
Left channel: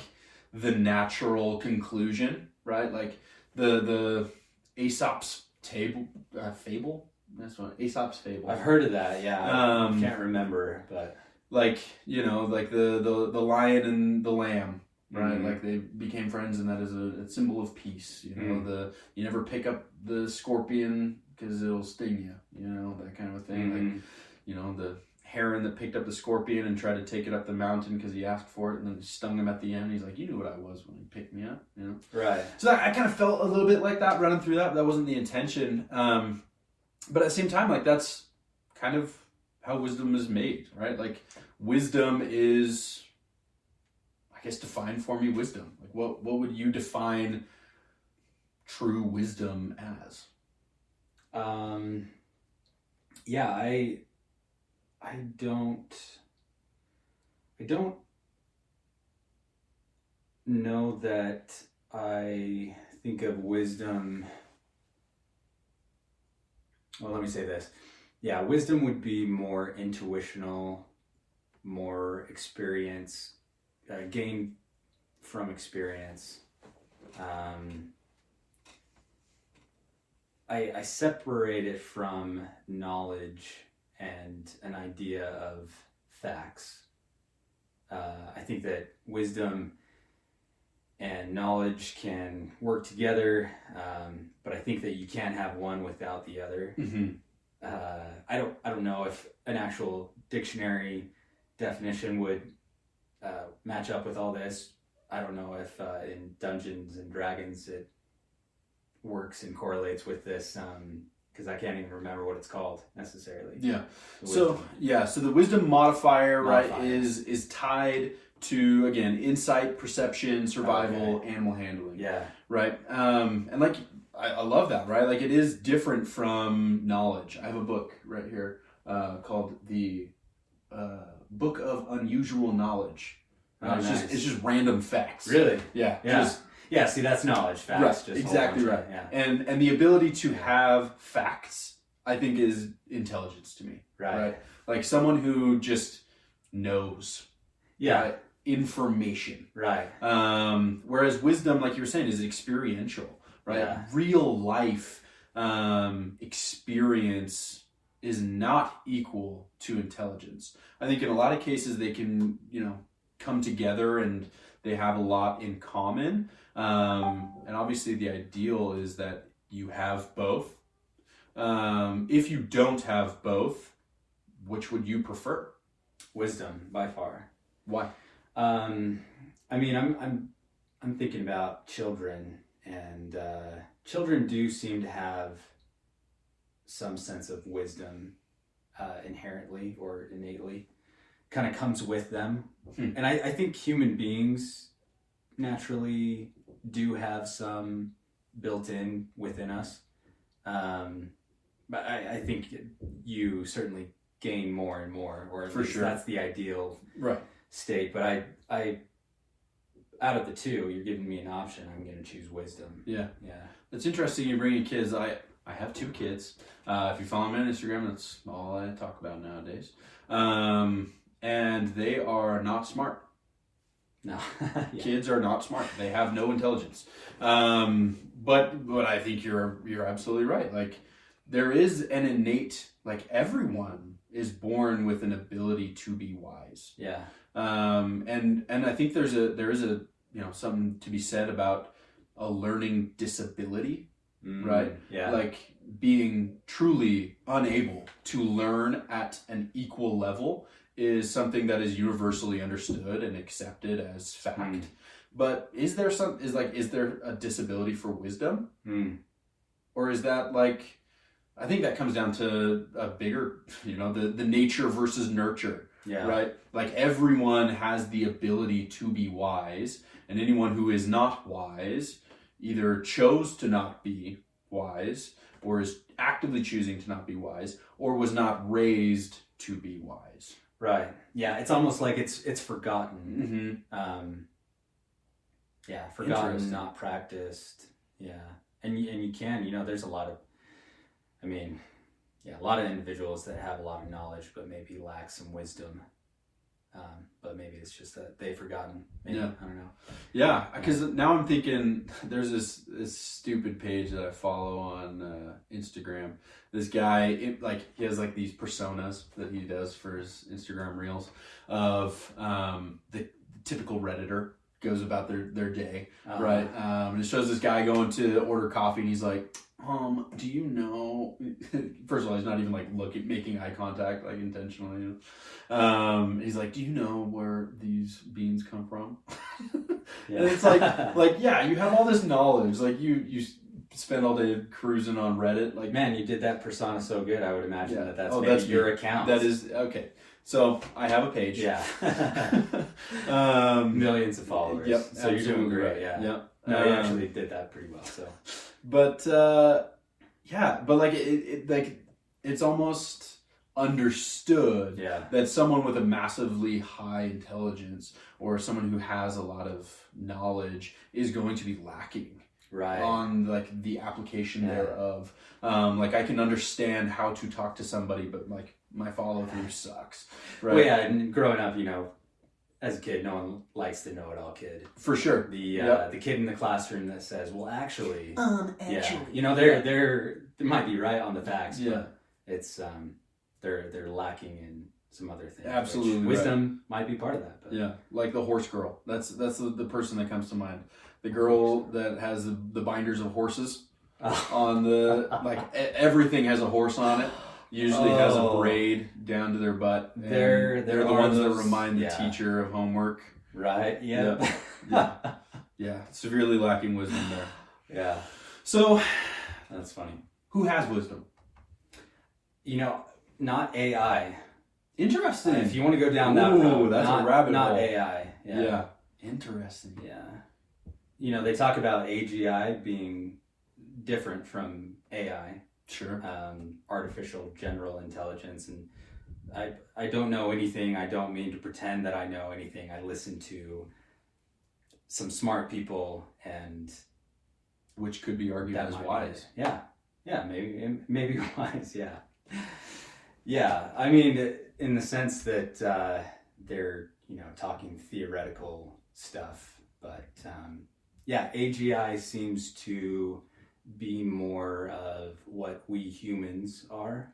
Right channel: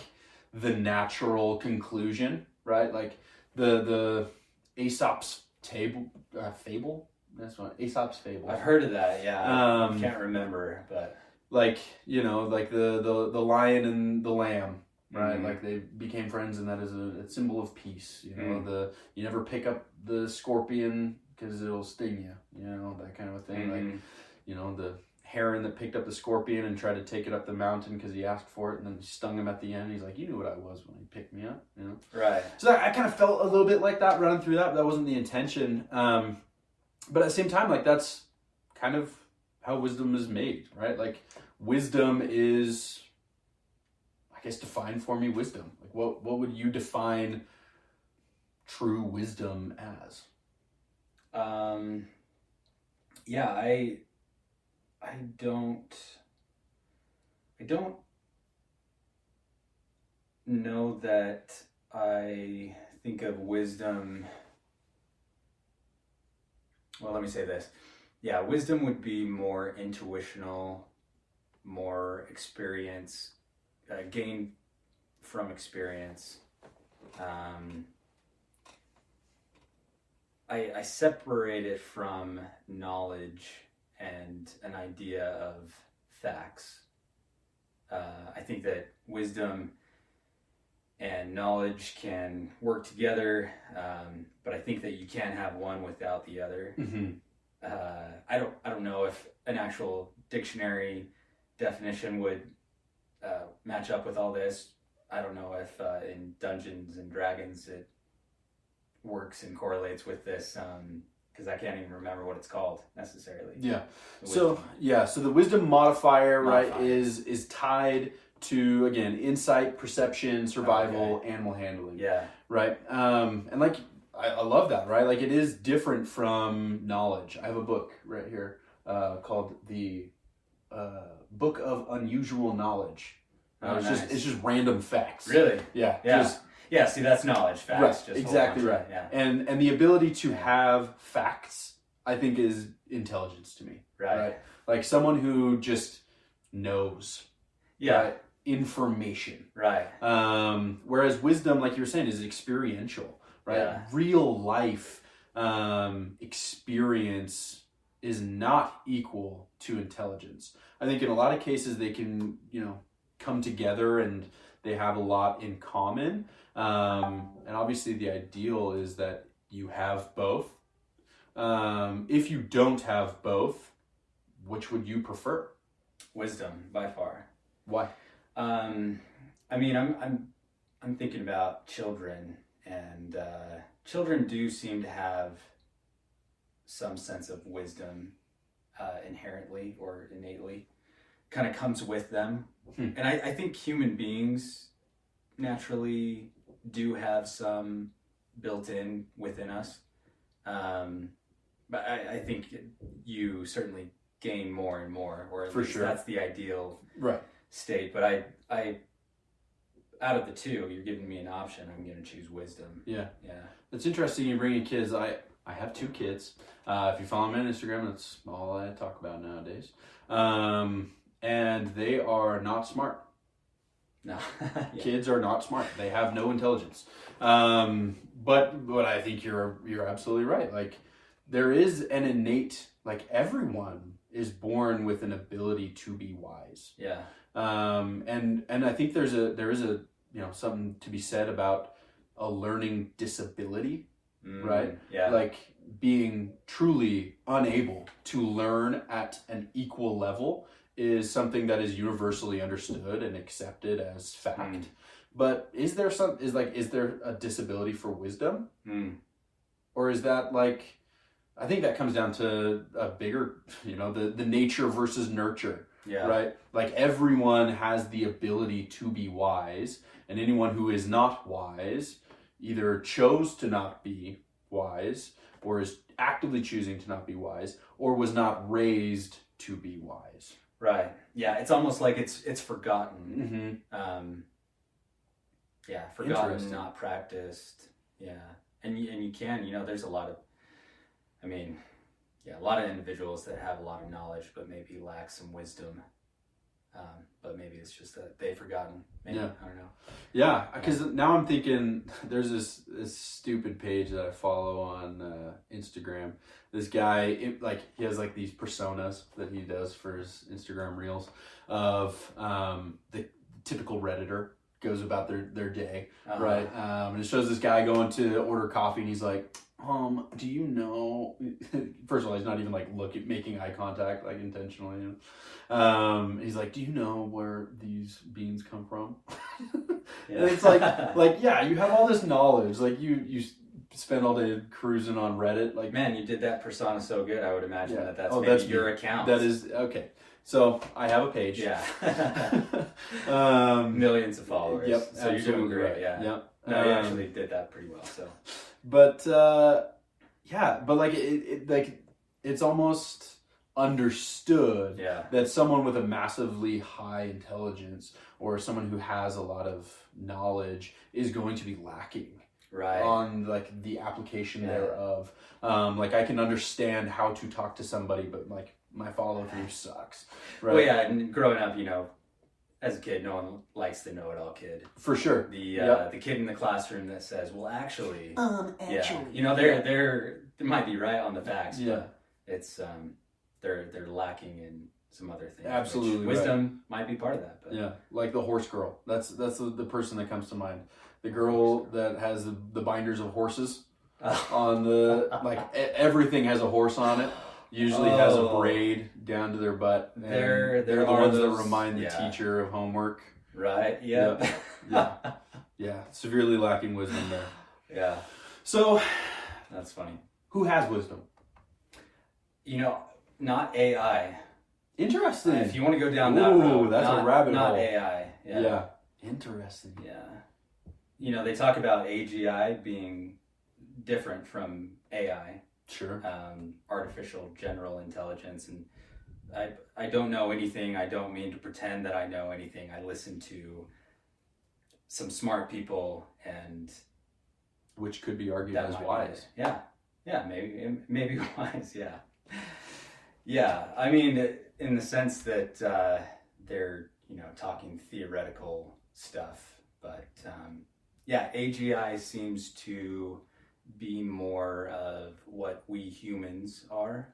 the natural conclusion, right? Like the Aesop's fable. That's what Aesop's fable. I've heard of that. Yeah, I can't remember, but. Like, like the lion and the lamb, right? Like they became friends, and that is a symbol of peace. You never pick up the scorpion because it'll sting you, that kind of a thing. Like, the heron that picked up the scorpion and tried to take it up the mountain because he asked for it, and then stung him at the end. He's like, you knew what I was when you picked me up, Right. So I kind of felt a little bit like that running through that. That wasn't the intention. But at the same time, like, that's kind of how wisdom is made, right? Like, wisdom is, I guess, define for me wisdom. Like, what would you define true wisdom as? I don't know that I think of wisdom. Well, let me say this. Yeah, wisdom would be more intuitional, more experience, gained from experience. I separate it from knowledge and an idea of facts. I think that wisdom and knowledge can work together, but I think that you can't have one without the other. I don't know if an actual dictionary definition would match up with all this. I don't know if in Dungeons and Dragons it works and correlates with this, because I can't even remember what it's called necessarily. Yeah. So the wisdom modifier, right, is tied to, again, insight, perception, survival, animal handling. Yeah. Right. And like, I love that, right? Like, it is different from knowledge. I have a book right here called the Book of Unusual Knowledge. It's just random facts. Really? Yeah. Yeah. See, that's knowledge. Facts. Right. Just exactly right. Yeah. And the ability to have facts, I think, is intelligence to me. Right. Like someone who just knows. Yeah. right? Information. Right. Whereas wisdom, like you were saying, is experiential, right? Yeah. Real life experience is not equal to intelligence. I think in a lot of cases they can, come together and they have a lot in common. And obviously the ideal is that you have both. If you don't have both, which would you prefer? Wisdom, by far. Why? I mean, I'm thinking about children, and children do seem to have some sense of wisdom inherently or innately, kind of comes with them. And I think human beings naturally do have some built in within us. But I think you certainly gain more and more, or at least that's the ideal state. But I out of the two, you're giving me an option. I'm going to choose wisdom. Yeah. It's interesting you bring in kids. I have 2 kids. If you follow me on Instagram, that's all I talk about nowadays. And they are not smart. No. Kids are not smart. They have no intelligence. But I think you're absolutely right. Like, there is an innate, like, everyone is born with an ability to be wise. Yeah. And I think there is a something to be said about a learning disability, right? Yeah. Like, being truly unable to learn at an equal level is something that is universally understood and accepted as fact. But is there a disability for wisdom? Or is that, like, I think that comes down to a bigger, the nature versus nurture. Yeah. Right? Like, everyone has the ability to be wise, and anyone who is not wise either chose to not be wise, or is actively choosing to not be wise, or was not raised to be wise. Right. Yeah. It's almost like it's forgotten. Forgotten, not practiced. Yeah. And you can, there's a lot of, a lot of individuals that have a lot of knowledge, but maybe lack some wisdom. But maybe it's just that they've forgotten. Maybe, I don't know. Yeah, because now I'm thinking, there's this stupid page that I follow on Instagram. This guy, he has like these personas that he does for his Instagram reels of the typical Redditor goes about their day, right? And it shows this guy going to order coffee, and he's like, do you know, first of all, he's not even like making eye contact, like, intentionally. He's like, do you know where these beans come from? And it's like, yeah, you have all this knowledge. Like, you spend all day cruising on Reddit. Like, man, you did that persona so good. I would imagine that's your account. That is, okay. So I have a page. Yeah. Millions of followers. Yep. So you're doing great. Right. Yeah. Yep. No, you actually did that pretty well. So. But like it's almost understood that someone with a massively high intelligence, or someone who has a lot of knowledge, is going to be lacking on like the application thereof. Like, I can understand how to talk to somebody, but like, my follow through sucks. Right? Well, yeah, and growing up, as a kid, no one likes the know-it-all kid. For sure. The kid in the classroom that says, "Well, actually." They might be right on the facts, but it's they're lacking in some other things. Absolutely. Wisdom might be part of that. But. Yeah, like the horse girl. That's the person that comes to mind. The girl that has the binders of horses on the everything has a horse on it. Usually has a braid down to their butt. They're the ones that remind the teacher of homework. Right. Yeah. Yeah. Severely lacking wisdom there. Yeah. So that's funny. Who has wisdom? Not AI. Interesting. If you want to go down that road, that's a rabbit hole. Not AI. Yeah. Interesting. Yeah. They talk about AGI being different from AI. Sure. Artificial general intelligence, and I don't know anything. I don't mean to pretend that I know anything. I listen to some smart people, and which could be argued as wise. Yeah, maybe wise. Yeah. I mean, in the sense that they're, talking theoretical stuff. But yeah, AGI seems to be more of what we humans are,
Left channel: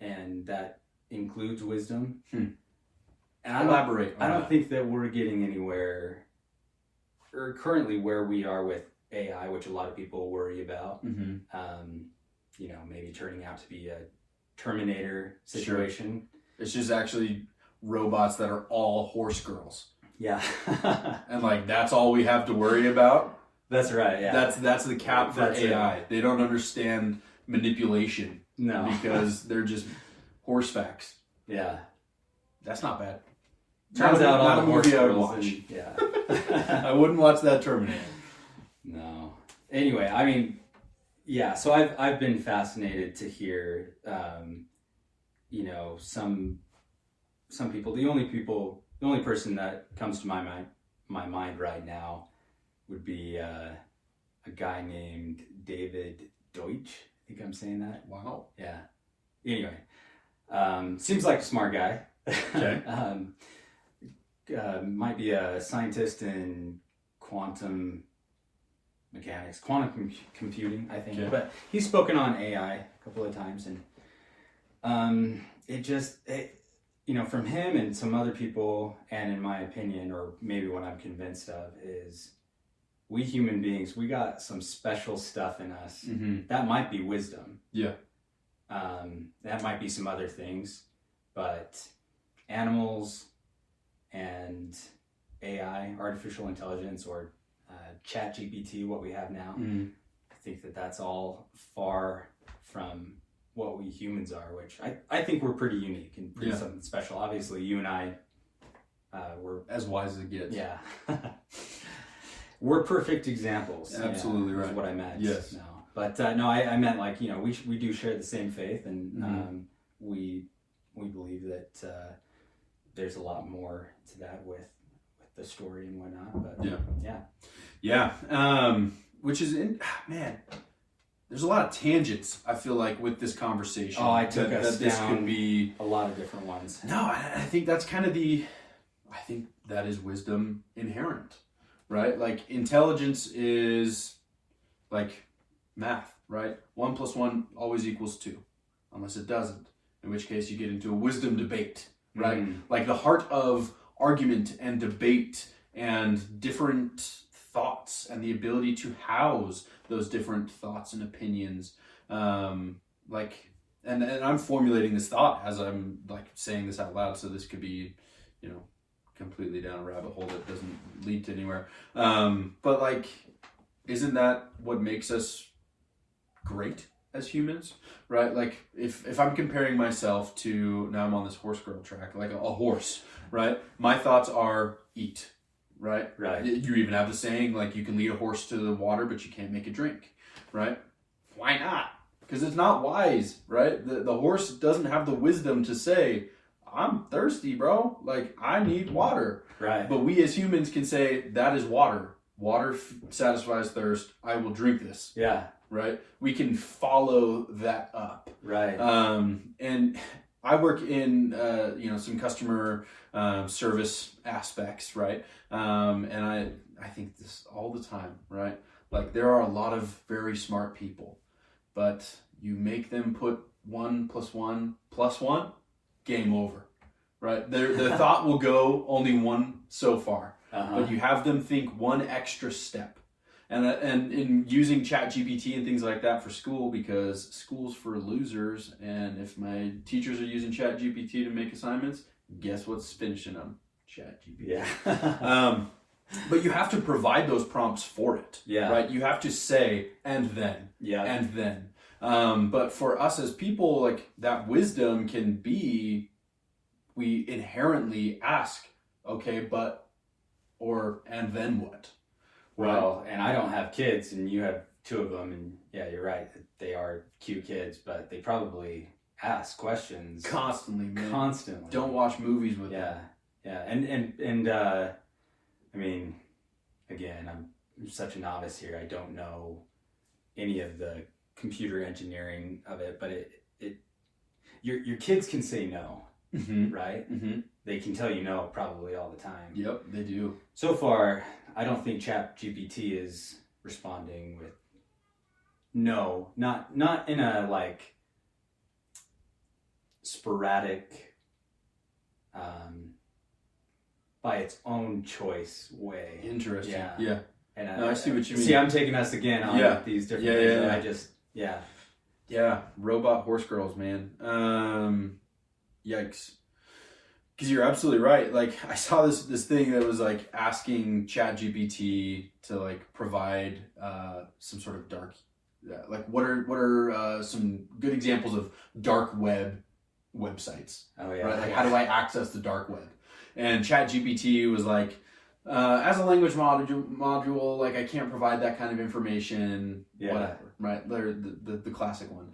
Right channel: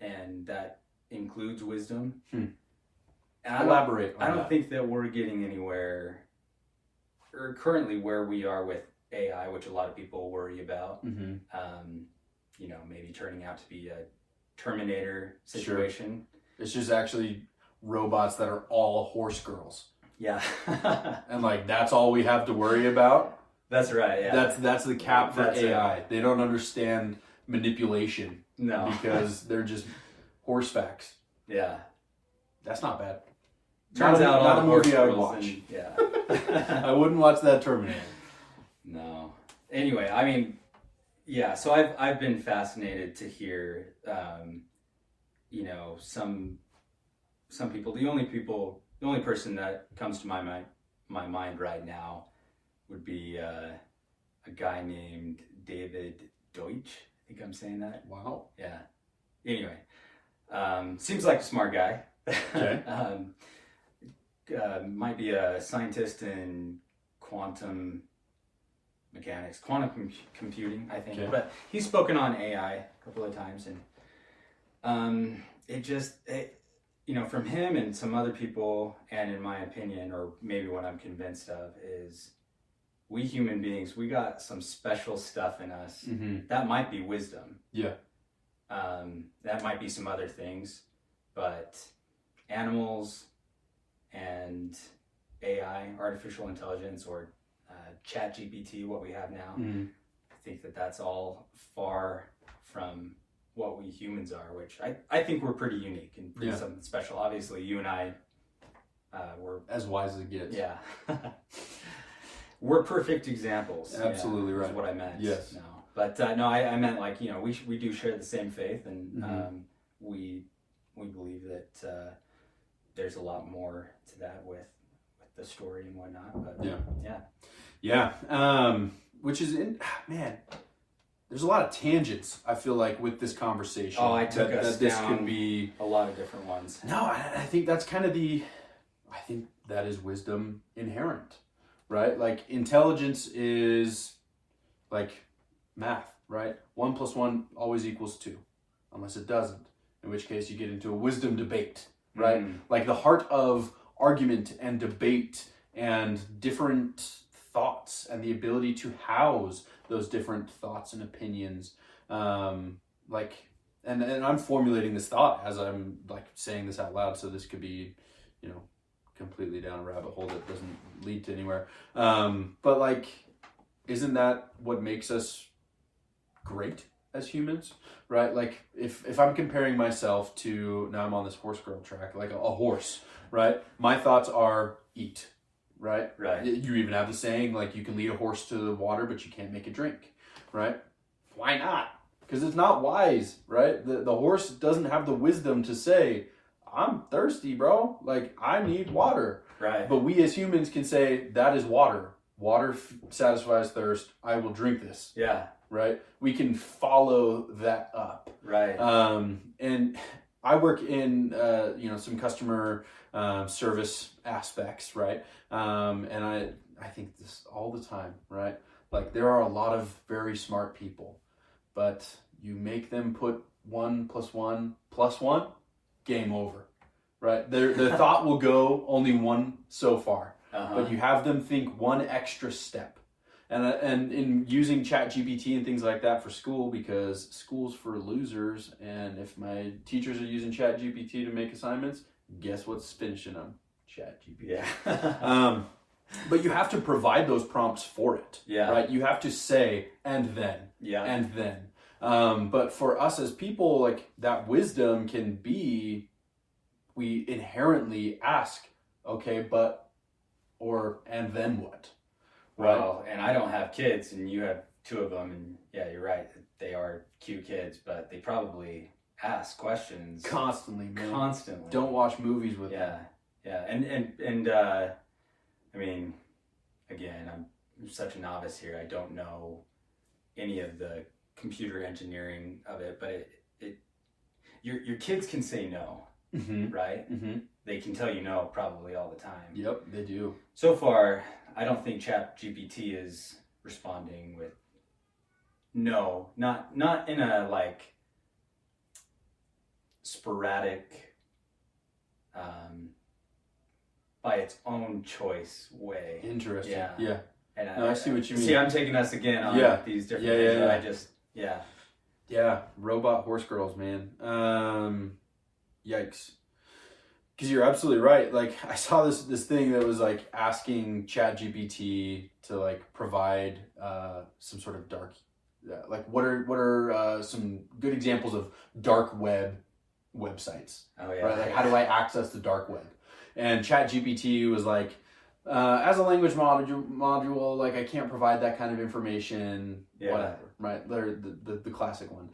and that includes wisdom. And Elaborate. I don't think that we're getting anywhere, or currently where we are with AI, which a lot of people worry about. Mm-hmm. Maybe turning out to be a Terminator situation. Sure. It's just actually robots that are all horse girls. Yeah. And like that's all we have to worry about. That's right. Yeah. That's the cap for AI. They don't understand manipulation. No. Because they're just horse facts. Yeah. That's not bad. Turns out all the horse I would girls. watch. Yeah. I wouldn't watch that Terminator. No. Anyway, I mean, yeah. So I've been fascinated to hear, some people. The only person that comes to my mind right now would be a guy named David Deutsch. I think I'm saying that. Wow. Yeah. Anyway, seems like a smart guy. Okay. Might be a scientist in quantum mechanics, quantum computing, I think. Okay. But he's spoken on AI a couple of times, and from him and some other people, and in my opinion, or maybe what I'm convinced of, is we human beings, we got some special stuff in us. Mm-hmm. That might be wisdom. Yeah. That might be some other things, but animals and AI, artificial intelligence, or Chat GPT, what we have now, Mm-hmm. I think that's all far from what we humans are, which I think we're pretty unique and pretty something special. Obviously, you and I, we're as wise as it gets. Yeah. We're perfect examples. Absolutely right. Is what I meant. Yes. No. But no, I meant like, we do share the same faith, and Mm-hmm. we believe that there's a lot more to that with the story and whatnot. But Yeah. Which is man. There's a lot of tangents, I feel like, with this conversation. Oh, I took us that this down could be a lot of different ones. No, I think that's kind of I think that is wisdom inherent, right? Like intelligence is like math, right? 1 + 1 always equals 2, unless it doesn't, in which case you get into a wisdom debate, right? Like the heart of argument and debate and different thoughts and the ability to house those different thoughts and opinions. And I'm formulating this thought as I'm like saying this out loud, so this could be, completely down a rabbit hole that doesn't lead to anywhere. But like, isn't that what makes us great as humans, right? Like if I'm comparing myself to, now I'm on this horse girl track, like a horse, right? My thoughts are eat, right? Right. You even have the saying, like, you can lead a horse to the water, but you can't make it drink, right? Why not? Because it's not wise, right? The horse doesn't have the wisdom to say, I'm thirsty, bro. Like, I need water. Right. But we as humans can say, that is water. Water satisfies thirst. I will drink this. Yeah. Right? We can follow that up. Right. And I work in, some customer service aspects, right? And I think this all the time, right? Like, there are a lot of very smart people, but you make them put 1 + 1 + 1, game over, right? Their thought will go only one so far, but you have them think one extra step. And in using Chat GPT and things like that for school, because school's for losers, and if my teachers are using Chat GPT to make assignments, guess what's finishing them? Chat GPT. Yeah. But you have to provide those prompts for it. Yeah. Right? You have to say, and then. Yeah. And then. But for us as people, like, that wisdom can be, we inherently ask, okay, but, or, and then what? Well, and I don't have kids, and you have 2 of them, and yeah, you're right. They are cute kids, but they probably ask questions Constantly, man. Constantly. Don't watch movies with them. Yeah. And I mean, again, I'm such a novice here. I don't know any of the computer engineering of it, but your kids can say no, Mm-hmm. right? Mm-hmm. they can tell you no probably all the time. Yep, they do. So far, I don't think ChatGPT is responding with no, not in a like sporadic, by its own choice way. Interesting. Yeah. Yeah. And No, I see what you mean. See, I'm taking us again on these different things. Yeah. I just, Yeah, robot horse girls, man. Yikes. Because you're absolutely right. Like, I saw this thing that was like asking ChatGPT to like provide some sort of dark, like what are some good examples of dark web websites? Oh yeah. Right? Like, how do I access the dark web? And ChatGPT was like, as a language module, like I can't provide that kind of information. Yeah. Whatever, right? The classic one.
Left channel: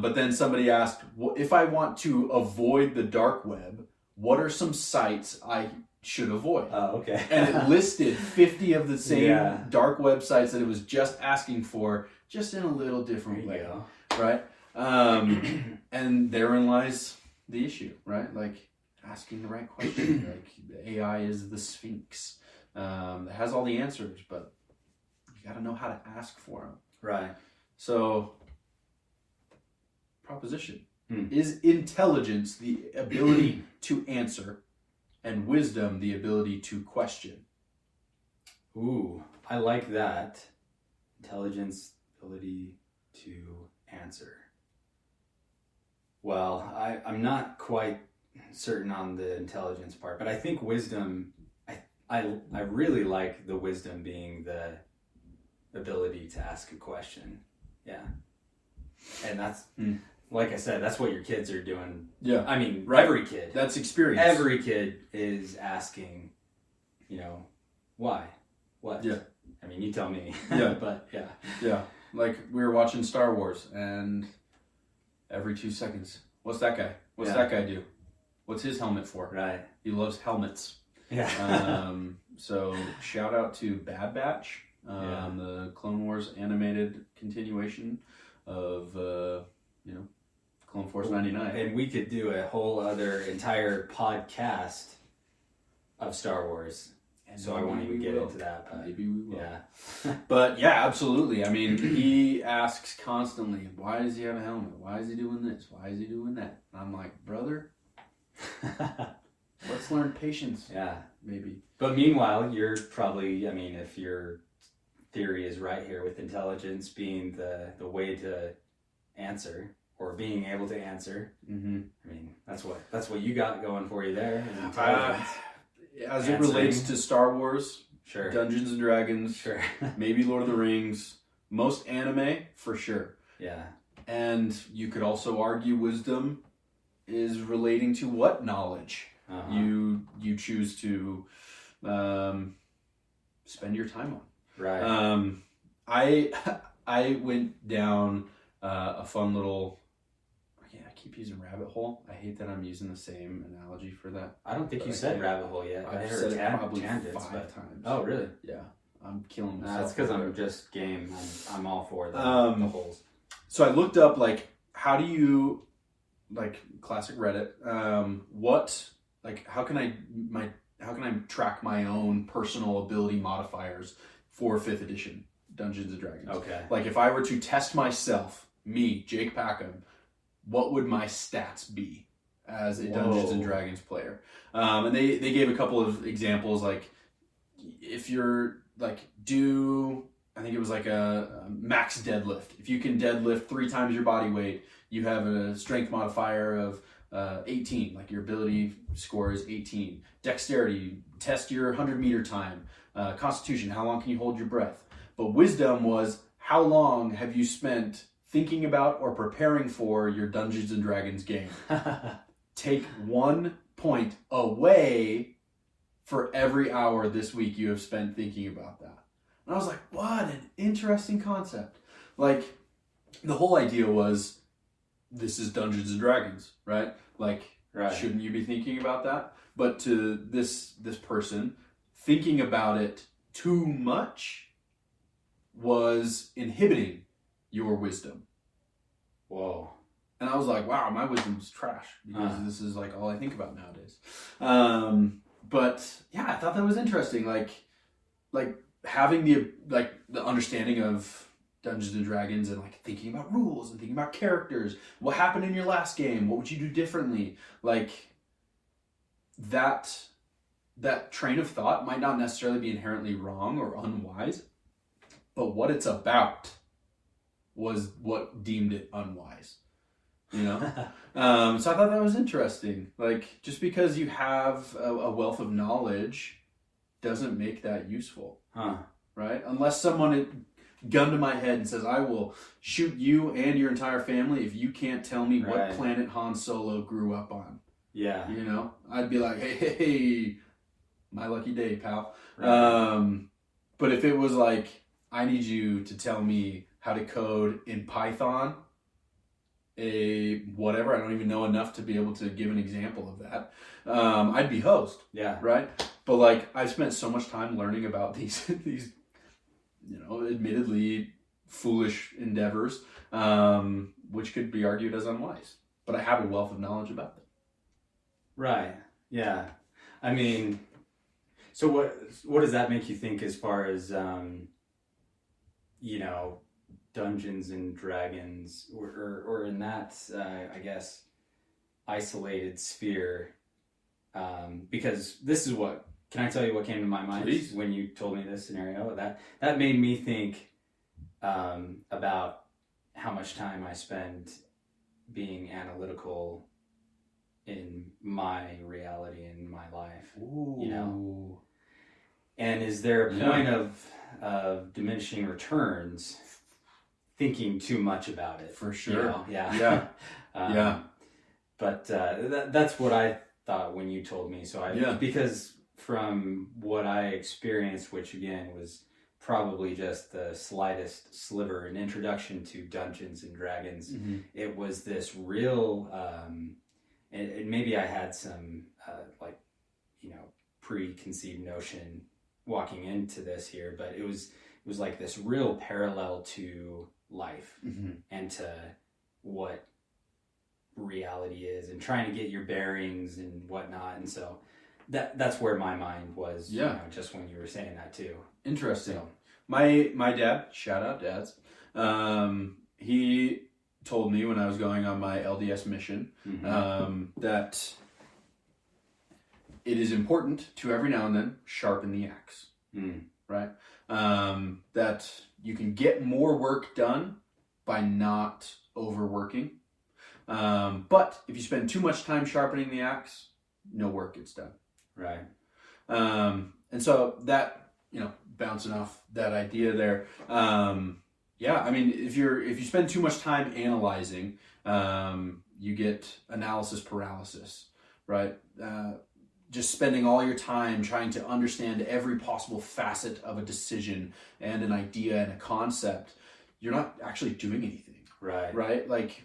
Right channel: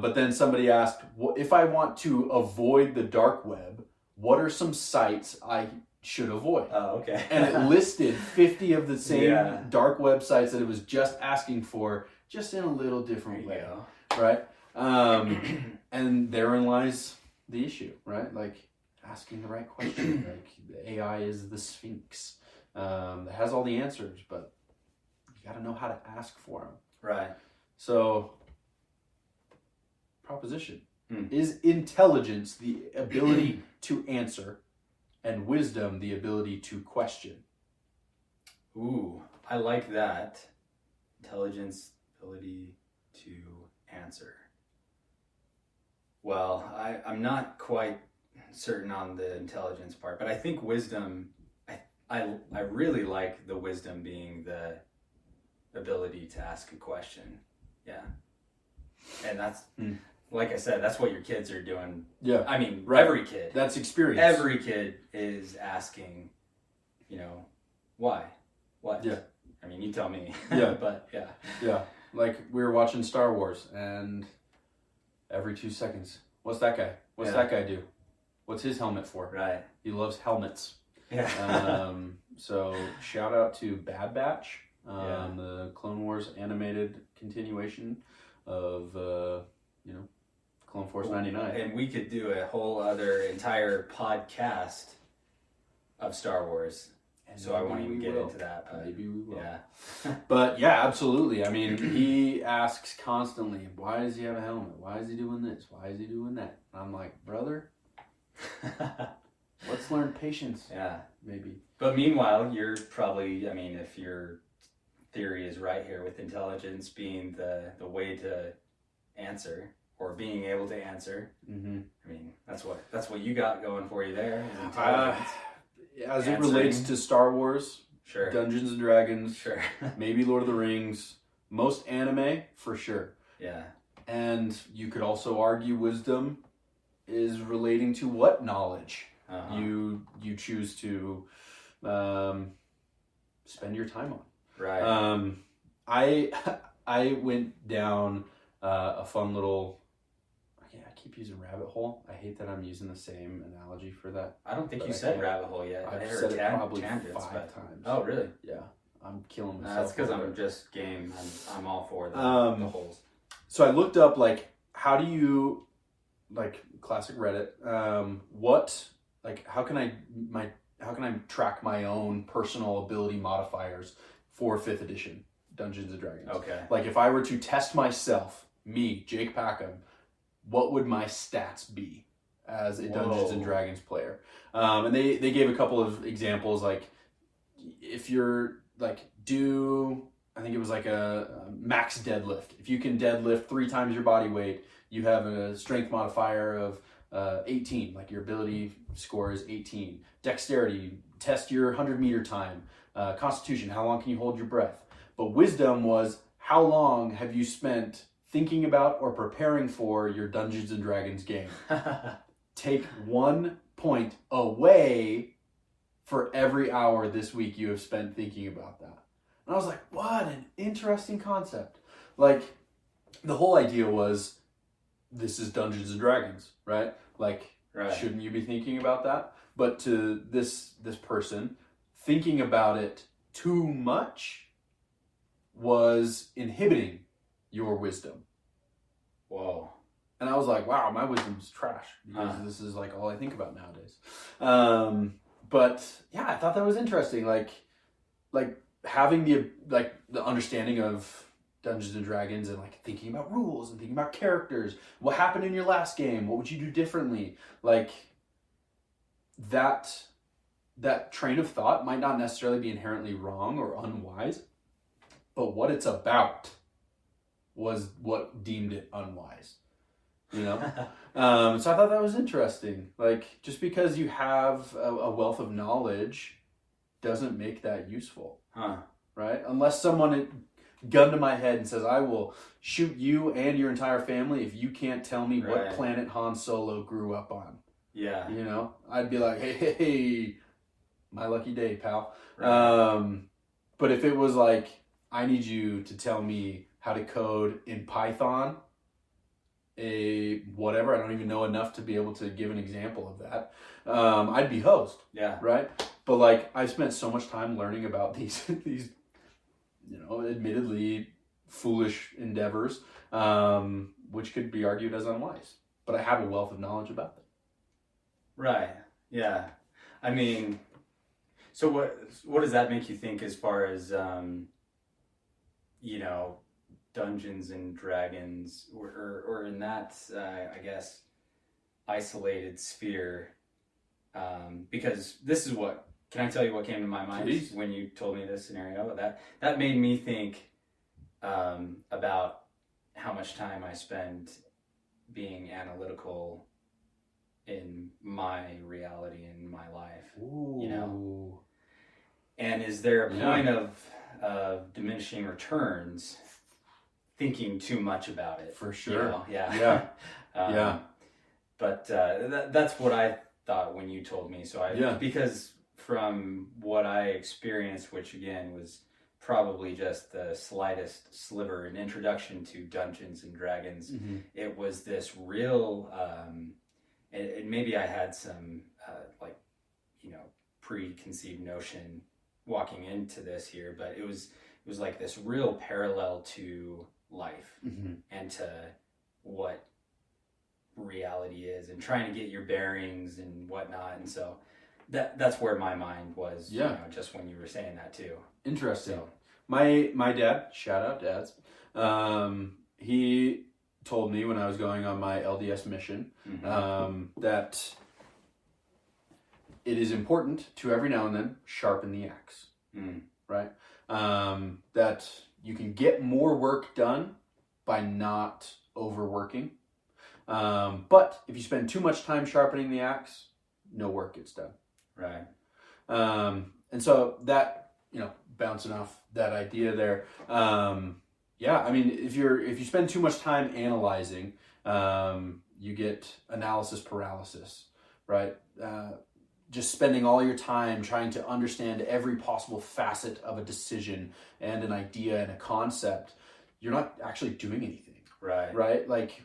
But then somebody asked, well, if I want to avoid the dark web, what are some sites I should avoid? Oh, okay. And it listed 50 of the same dark websites that it was just asking for, just in a little different way, right? And therein lies the issue, right? Like, asking the right question. Like, the AI is the Sphinx. It has all the answers, but you got to know how to ask for them. Right. So, proposition. Is intelligence the ability to answer, and wisdom the ability to question? Ooh, I like that. Intelligence, ability to answer. Well, I'm not quite certain on the intelligence part, but I think wisdom, I really like the wisdom being the ability to ask a question. Yeah. And that's, like I said, that's what your kids are doing. Yeah. I mean, right. Every kid. That's experience. Every kid is asking, why? What? Yeah. I mean, you tell me. Yeah. But yeah. Yeah. Like, we were watching Star Wars, and every 2 seconds, what's that guy? What's that guy do? What's his helmet for? Right. He loves helmets. Yeah. So shout out to Bad Batch, the Clone Wars animated continuation of Clone Force 99. And we could do a whole other entire podcast of Star Wars. So I won't even get into that. But maybe we will. Yeah. But yeah, absolutely. I mean, he asks constantly, why does he have a helmet? Why is he doing this? Why is he doing that? And I'm like, brother, let's learn patience. Yeah. Maybe. But meanwhile, you're probably, I mean, if your theory is right here with intelligence being the way to answer or being able to answer, I mean, that's what you got going for you there is intelligence. As it relates to Star Wars, sure. Dungeons and Dragons, sure. Maybe Lord of the Rings, most anime, for sure. Yeah. And you could also argue wisdom is relating to what knowledge you choose to spend your time on. Right. I went down a fun little. I keep using rabbit hole. I hate that I'm using the same analogy for that. I don't think you said rabbit hole yet. I I've heard said it probably tangents, 5 times. Oh, really? Yeah, I'm killing myself. That's because I'm just game. I'm all for the holes. So I looked up how do you classic Reddit? How can I track my own personal ability modifiers for 5th edition Dungeons and Dragons? Okay. Like, if I were to test myself, me, Jake Packham, what would my stats be as a Dungeons and Dragons player? And they gave a couple of examples, like if you're I think it was like a max deadlift. If you can deadlift 3 times your body weight, you have a strength modifier of 18. Like, your ability score is 18. Dexterity, test your 100-meter time. Constitution, how long can you hold your breath? But wisdom was, how long have you spent thinking about or preparing for your Dungeons and Dragons game? Take 1 point away for every hour this week you have spent thinking about that. And I was like, what an interesting concept. Like, the whole idea was, this is Dungeons and Dragons, right? Like, shouldn't you be thinking about that? But to this person, thinking about it too much was inhibiting your wisdom. Whoa. And I was like, wow, my wisdom's trash because this is like all I think about nowadays. But yeah, I thought that was interesting. Like having the understanding of Dungeons and Dragons and like thinking about rules and thinking about characters. What happened in your last game? What would you do differently? Like that train of thought might not necessarily be inherently wrong or unwise, but what it's about was what deemed it unwise. You know? So I thought that was interesting. Like, just because you have a wealth of knowledge doesn't make that useful. Right? Unless someone gun to my head and says, I will shoot you and your entire family if you can't tell me what planet Han Solo grew up on. Yeah. You know? I'd be like, hey, my lucky day, pal. Right. But if it was like, I need you to tell me how to code in Python, whatever, I don't even know enough to be able to give an example of that, I'd be hosed. Yeah. Right? But like, I've spent so much time learning about these admittedly foolish endeavors, which could be argued as unwise. But I have a wealth of knowledge about them. Right. Yeah. I mean, so what does that make you think as far as, Dungeons and Dragons or in that, I guess, isolated sphere? Because this is can I tell you what came to my mind? Please. When you told me this scenario? That made me think about how much time I spend being analytical in my reality and my life. Ooh. And is there a point of diminishing returns thinking too much about it? For sure. Yeah. But that's what I thought when you told me. So because from what I experienced, which again was probably just the slightest sliver, an introduction to Dungeons and Dragons, it was this real, and maybe I had some preconceived notion walking into this here, but it was like this real parallel to life and to what reality is and trying to get your bearings and whatnot. And so that's where my mind was, just when you were saying that too. Interesting. So, my dad, shout out dads, he told me when I was going on my LDS mission that it is important to every now and then sharpen the axe. Right? That you can get more work done by not overworking. But if you spend too much time sharpening the axe, no work gets done. Right. And so that, bouncing off that idea there, I mean, if you spend too much time analyzing, you get analysis paralysis, right? Just spending all your time trying to understand every possible facet of a decision and an idea and a concept, you're not actually doing anything. Right. Right? Like,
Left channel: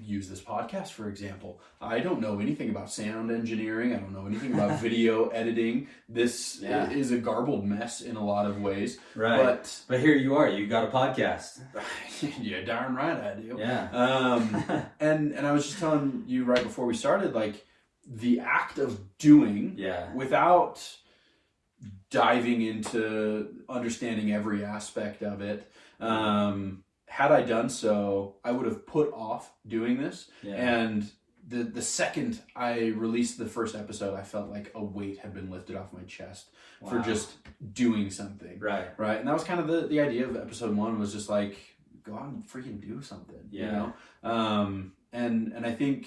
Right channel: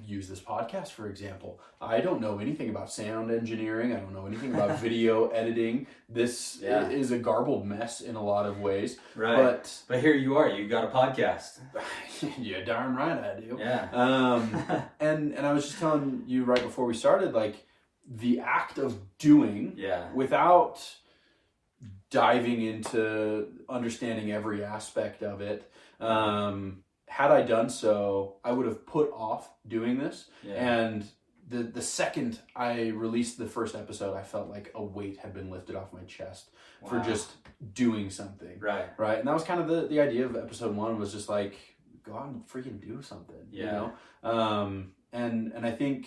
use this podcast, for example. I don't know anything about sound engineering. I don't know anything about video editing. This is a garbled mess in a lot of ways. Right. But here you are. You got a podcast. Yeah, darn right I do. Yeah. And I was just telling you right before we started, like, the act of doing without diving into understanding every aspect of it, had I done so, I would have put off doing this. And the second I released the first episode, I felt like a weight had been lifted off my chest for just doing something. Right. And that was kind of the idea of episode 1, was just like, go out and freaking do something. You know? And I think,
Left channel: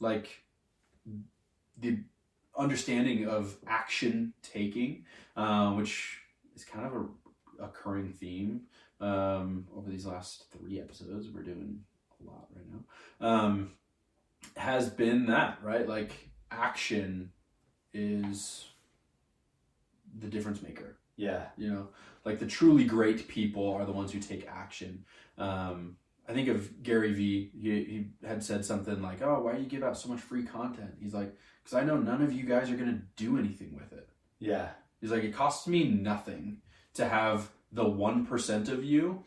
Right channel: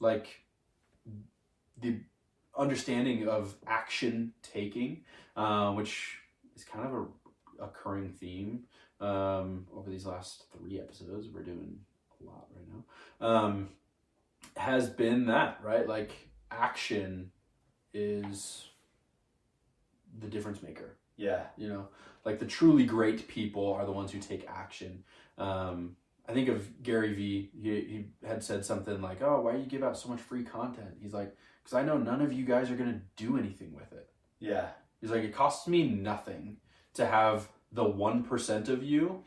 like, the understanding of action taking, which is kind of a occurring theme over these last 3 episodes, we're doing a lot right now, has been that, right? Like, action is the difference maker. Like, the truly great people are the ones who take action. I think of Gary Vee. He had said something like, oh, why do you give out so much free content? He's like, because I know none of you guys are going to do anything with it. He's like, it costs me nothing to have the 1% of you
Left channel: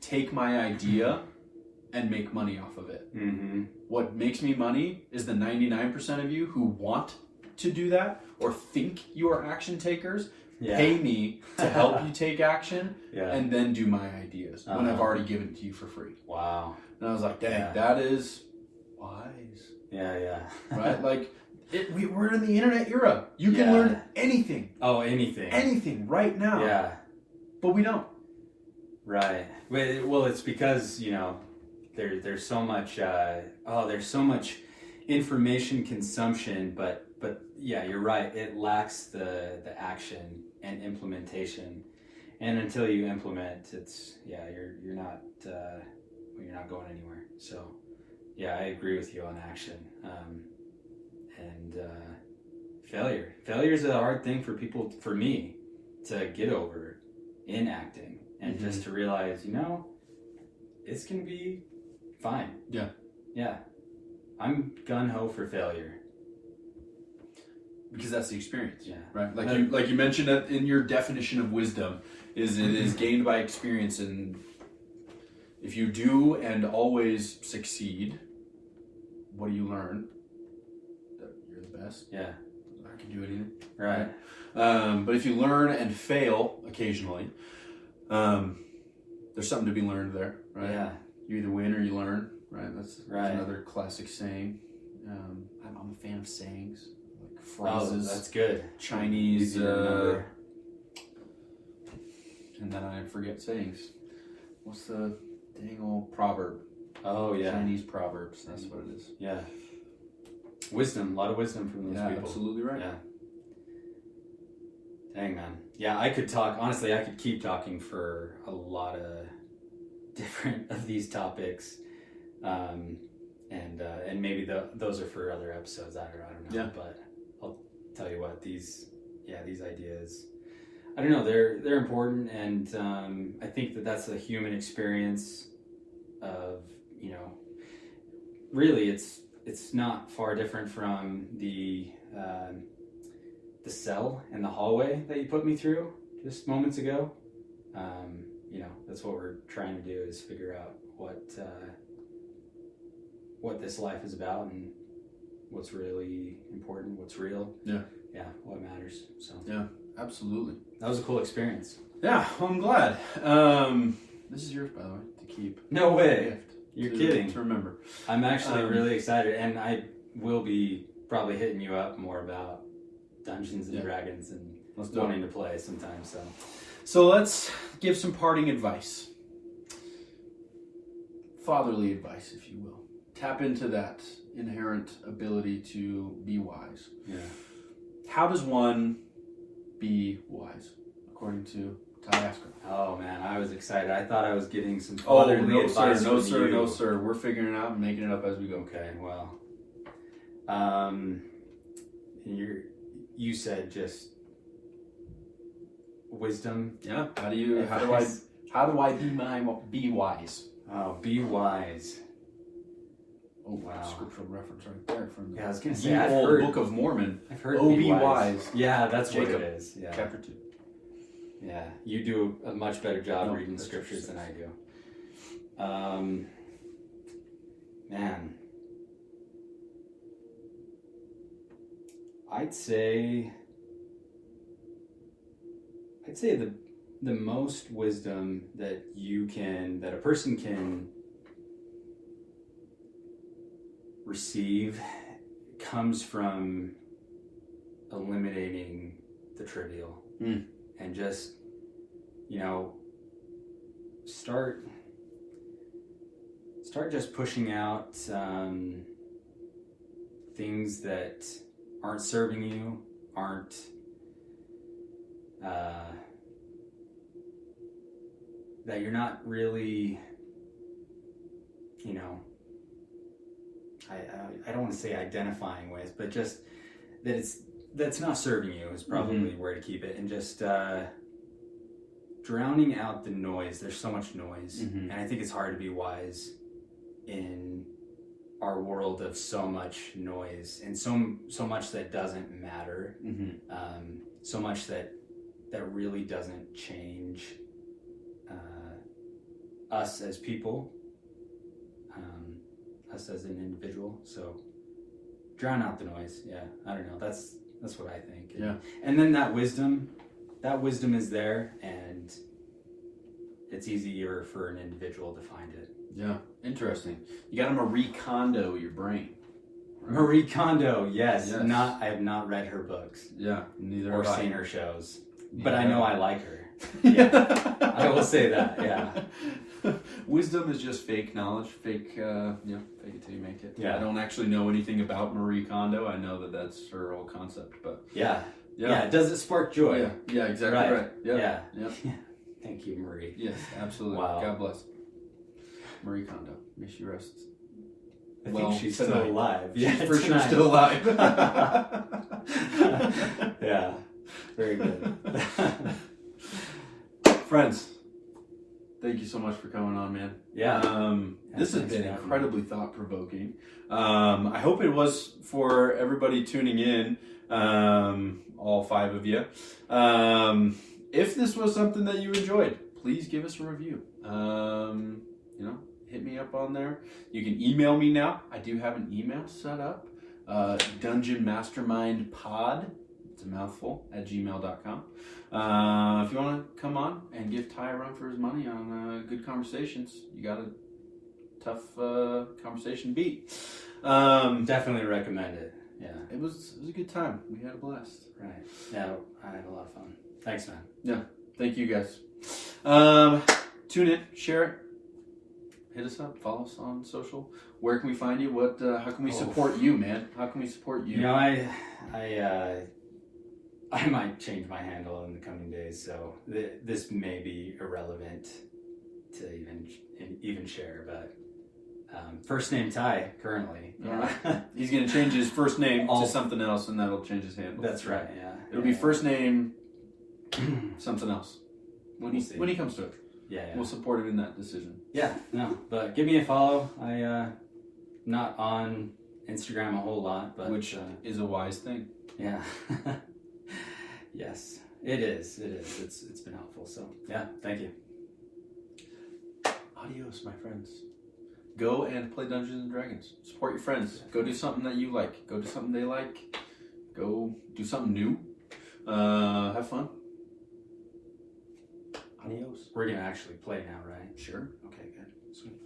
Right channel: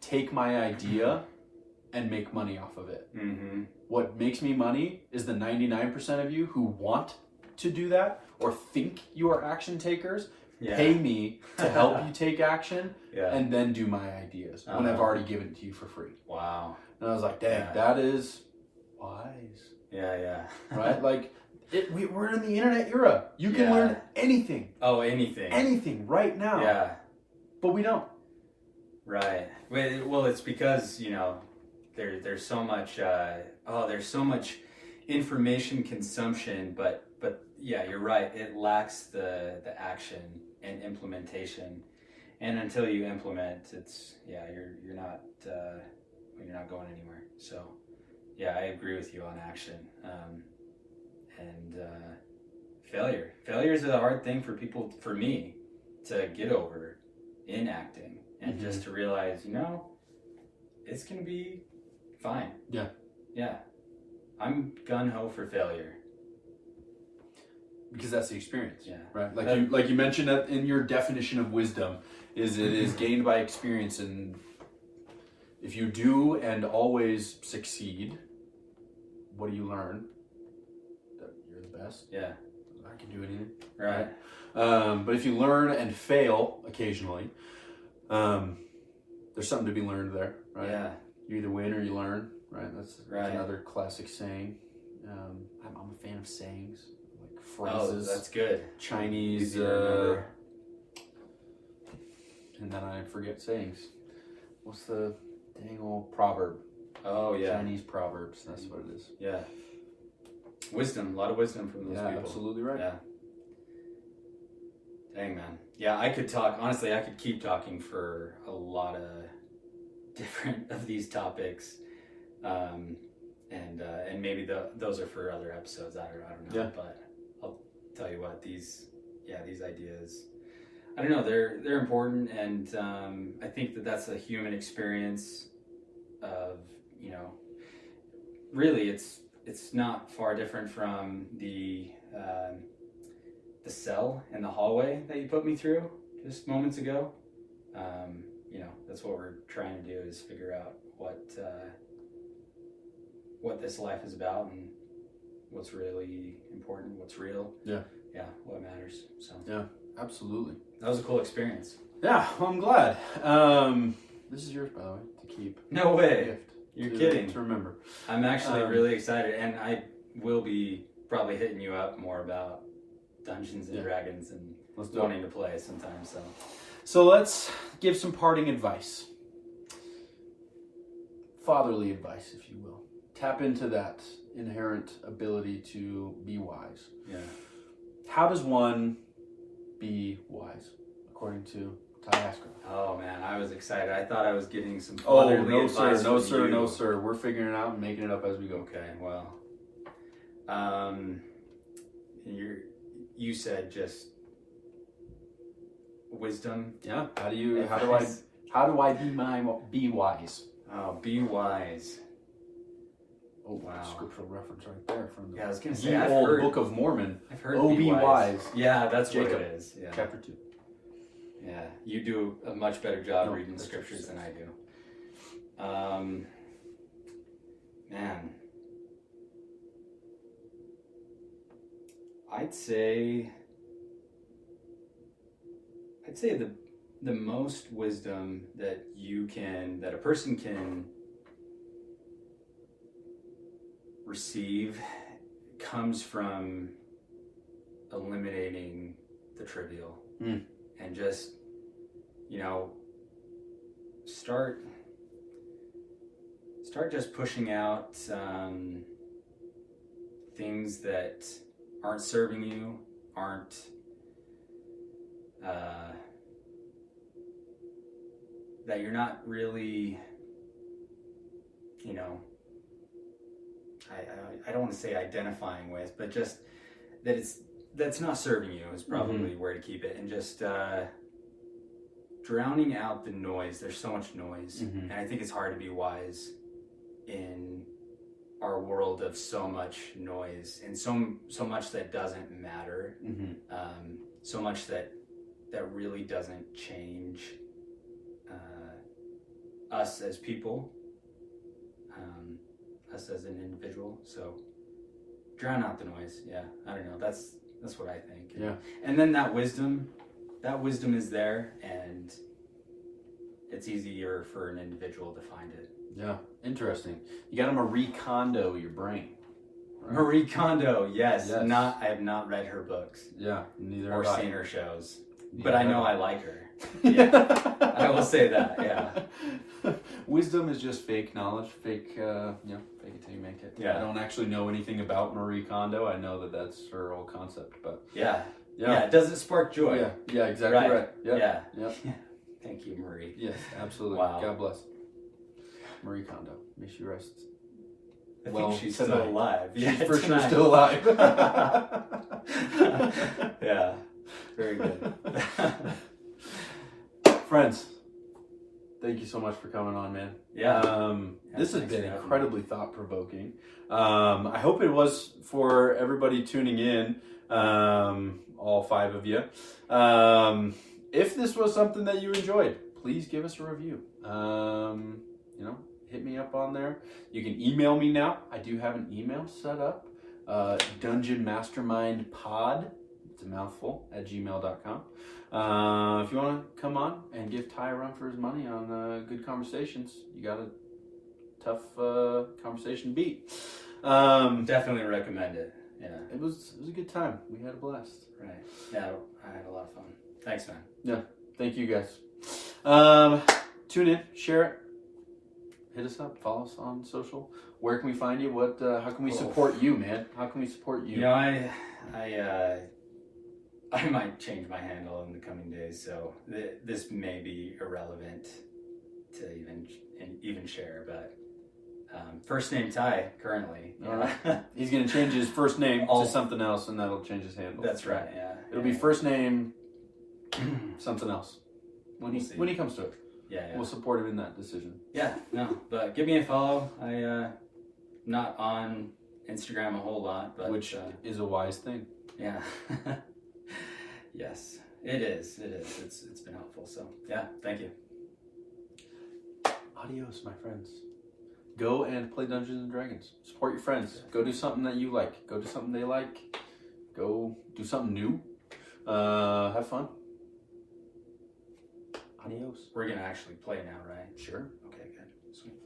take my idea and make money off of it. Mm-hmm. What makes me money is the 99% of you who want to do that or think you are action takers. Yeah. Pay me to help you take action Yeah. and then do my ideas when I've already given it to you for free. Wow. And I was like, dang, that is wise. Yeah. Right? Like, we're in the internet era. You can learn anything. Oh, anything. Anything right now. Yeah. But we don't. Right. Well, it's because, there's so much, there's so much information consumption, but yeah, you're right. It lacks the action and implementation. And until you implement, you're not going anywhere. So yeah, I agree with you on action. And failure. Failure is a hard thing for me to get over in acting, and just to realize, it's going to be fine. Yeah. Yeah. I'm gung-ho for failure. Because that's the experience. Yeah. Right? Like you mentioned that in your definition of wisdom, it is gained by experience, and if you do and always succeed, what do you learn? That you're the best. Yeah. I can do anything. Right. But if you learn and fail occasionally, there's something to be learned there, right? Yeah. You either win or you learn, right? That's Right. another classic saying. I'm a fan of sayings, like Oh, phrases. that's good. Chinese, Easy to remember. and then I forget sayings. What's the dang old proverb? Oh, yeah. Chinese proverbs, that's what it is. Yeah. Wisdom, a lot of wisdom from those people. Absolutely right. Yeah. Dang, man. Yeah, I could keep talking for a lot of different of these topics. And maybe those are for other episodes. I don't know. Yeah. But I'll tell you what, these ideas, I don't know, they're important, and I think that's a human experience of, really it's not far different from the cell in the hallway that you put me through just moments ago. That's what we're trying to do, is figure out what this life is about and what's really important, what's real. Yeah, what matters. So yeah, absolutely. that was a cool experience. Yeah, well, I'm glad. This is yours, by the way, to keep. No way. Gift. You're kidding. To remember. I'm actually really excited, and I will be probably hitting you up more about Dungeons and Dragons and wanting to play sometime. So let's give some parting advice. Fatherly advice, if you will. Tap into that inherent ability to be wise. Yeah. How does one be wise, according to Ty Askeroth? Oh man, I was excited. I thought I was getting some fatherly advice. No, from sir, you. no, sir. We're figuring it out and making it up as we go. Okay, well, you said just wisdom. Yeah. How do I be wise? Oh, be wise. Oh wow! Scriptural reference right there from the I was gonna say I've old heard Book of Mormon. I've heard be wise. Yeah, that's Jacob, what it is. Yeah. Chapter 2. Yeah, you do a much better job reading the scriptures than I do. Man, I'd say the most wisdom that a person can receive comes from eliminating the trivial. And just, start just pushing out things that aren't serving you, aren't that you're not really, I don't want to say identifying with, but just that's not serving you is probably where to keep it, and just drowning out the noise. There's so much noise, and I think it's hard to be wise in our world of so much noise and so much that doesn't matter, so much that really doesn't change us as people. us as an individual. So drown out the noise. Yeah, I don't know. That's what I think. And then that wisdom is there, and it's easier for an individual to find it. Yeah, interesting. You got to Marie Kondo your brain. Right? Marie Kondo, yes. I have not read her books. Yeah, neither or have seen I. her shows, but I know I like her. Yeah, I will say that. Yeah. Wisdom is just fake knowledge, fake it till you make it. Yeah. I don't actually know anything about Marie Kondo. I know that that's her whole concept, but yeah. Does it spark joy? Yeah, exactly right. Yeah. Yep. Thank you, Marie. Yes, absolutely. Wow. God bless Marie Kondo. May she rest. I think she's still alive. She's for sure still alive. Yeah. Very good. Friends, thank you so much for coming on, man. Yeah. This has been incredibly thought-provoking. I hope it was for everybody tuning in, all 5 of you. If this was something that you enjoyed, please give us a review. Hit me up on there. You can email me now. I do have an email set up. dungeonmastermindpod, it's a mouthful, @gmail.com. If you want to come on and give Ty a run for his money on good conversations, you got a tough conversation beat. Definitely recommend it. Yeah. It was a good time. We had a blast. Right. Yeah, I had a lot of fun. Thanks, man. Yeah. Thank you guys. Tune in, share it, hit us up, follow us on social. Where can we find you? How can we support you, man? How can we support you? I might change my handle in the coming days, so this may be irrelevant to even share, but first name Ty currently. Yeah. He's gonna change his first name to something else, and that'll change his handle. That's right. Yeah. It'll be first name something else when he comes to it. Yeah. We'll support him in that decision. Yeah. No, but give me a follow. Not on Instagram a whole lot, but which is a wise thing. Yeah. Yes, it is. It's been helpful. So yeah, thank you. Adios, my friends. Go and play Dungeons and Dragons. Support your friends. Go do something that you like. Go do something they like. Go do something new. Have fun. Adios. We're gonna actually play now, right? Sure. Okay, good. Sweet.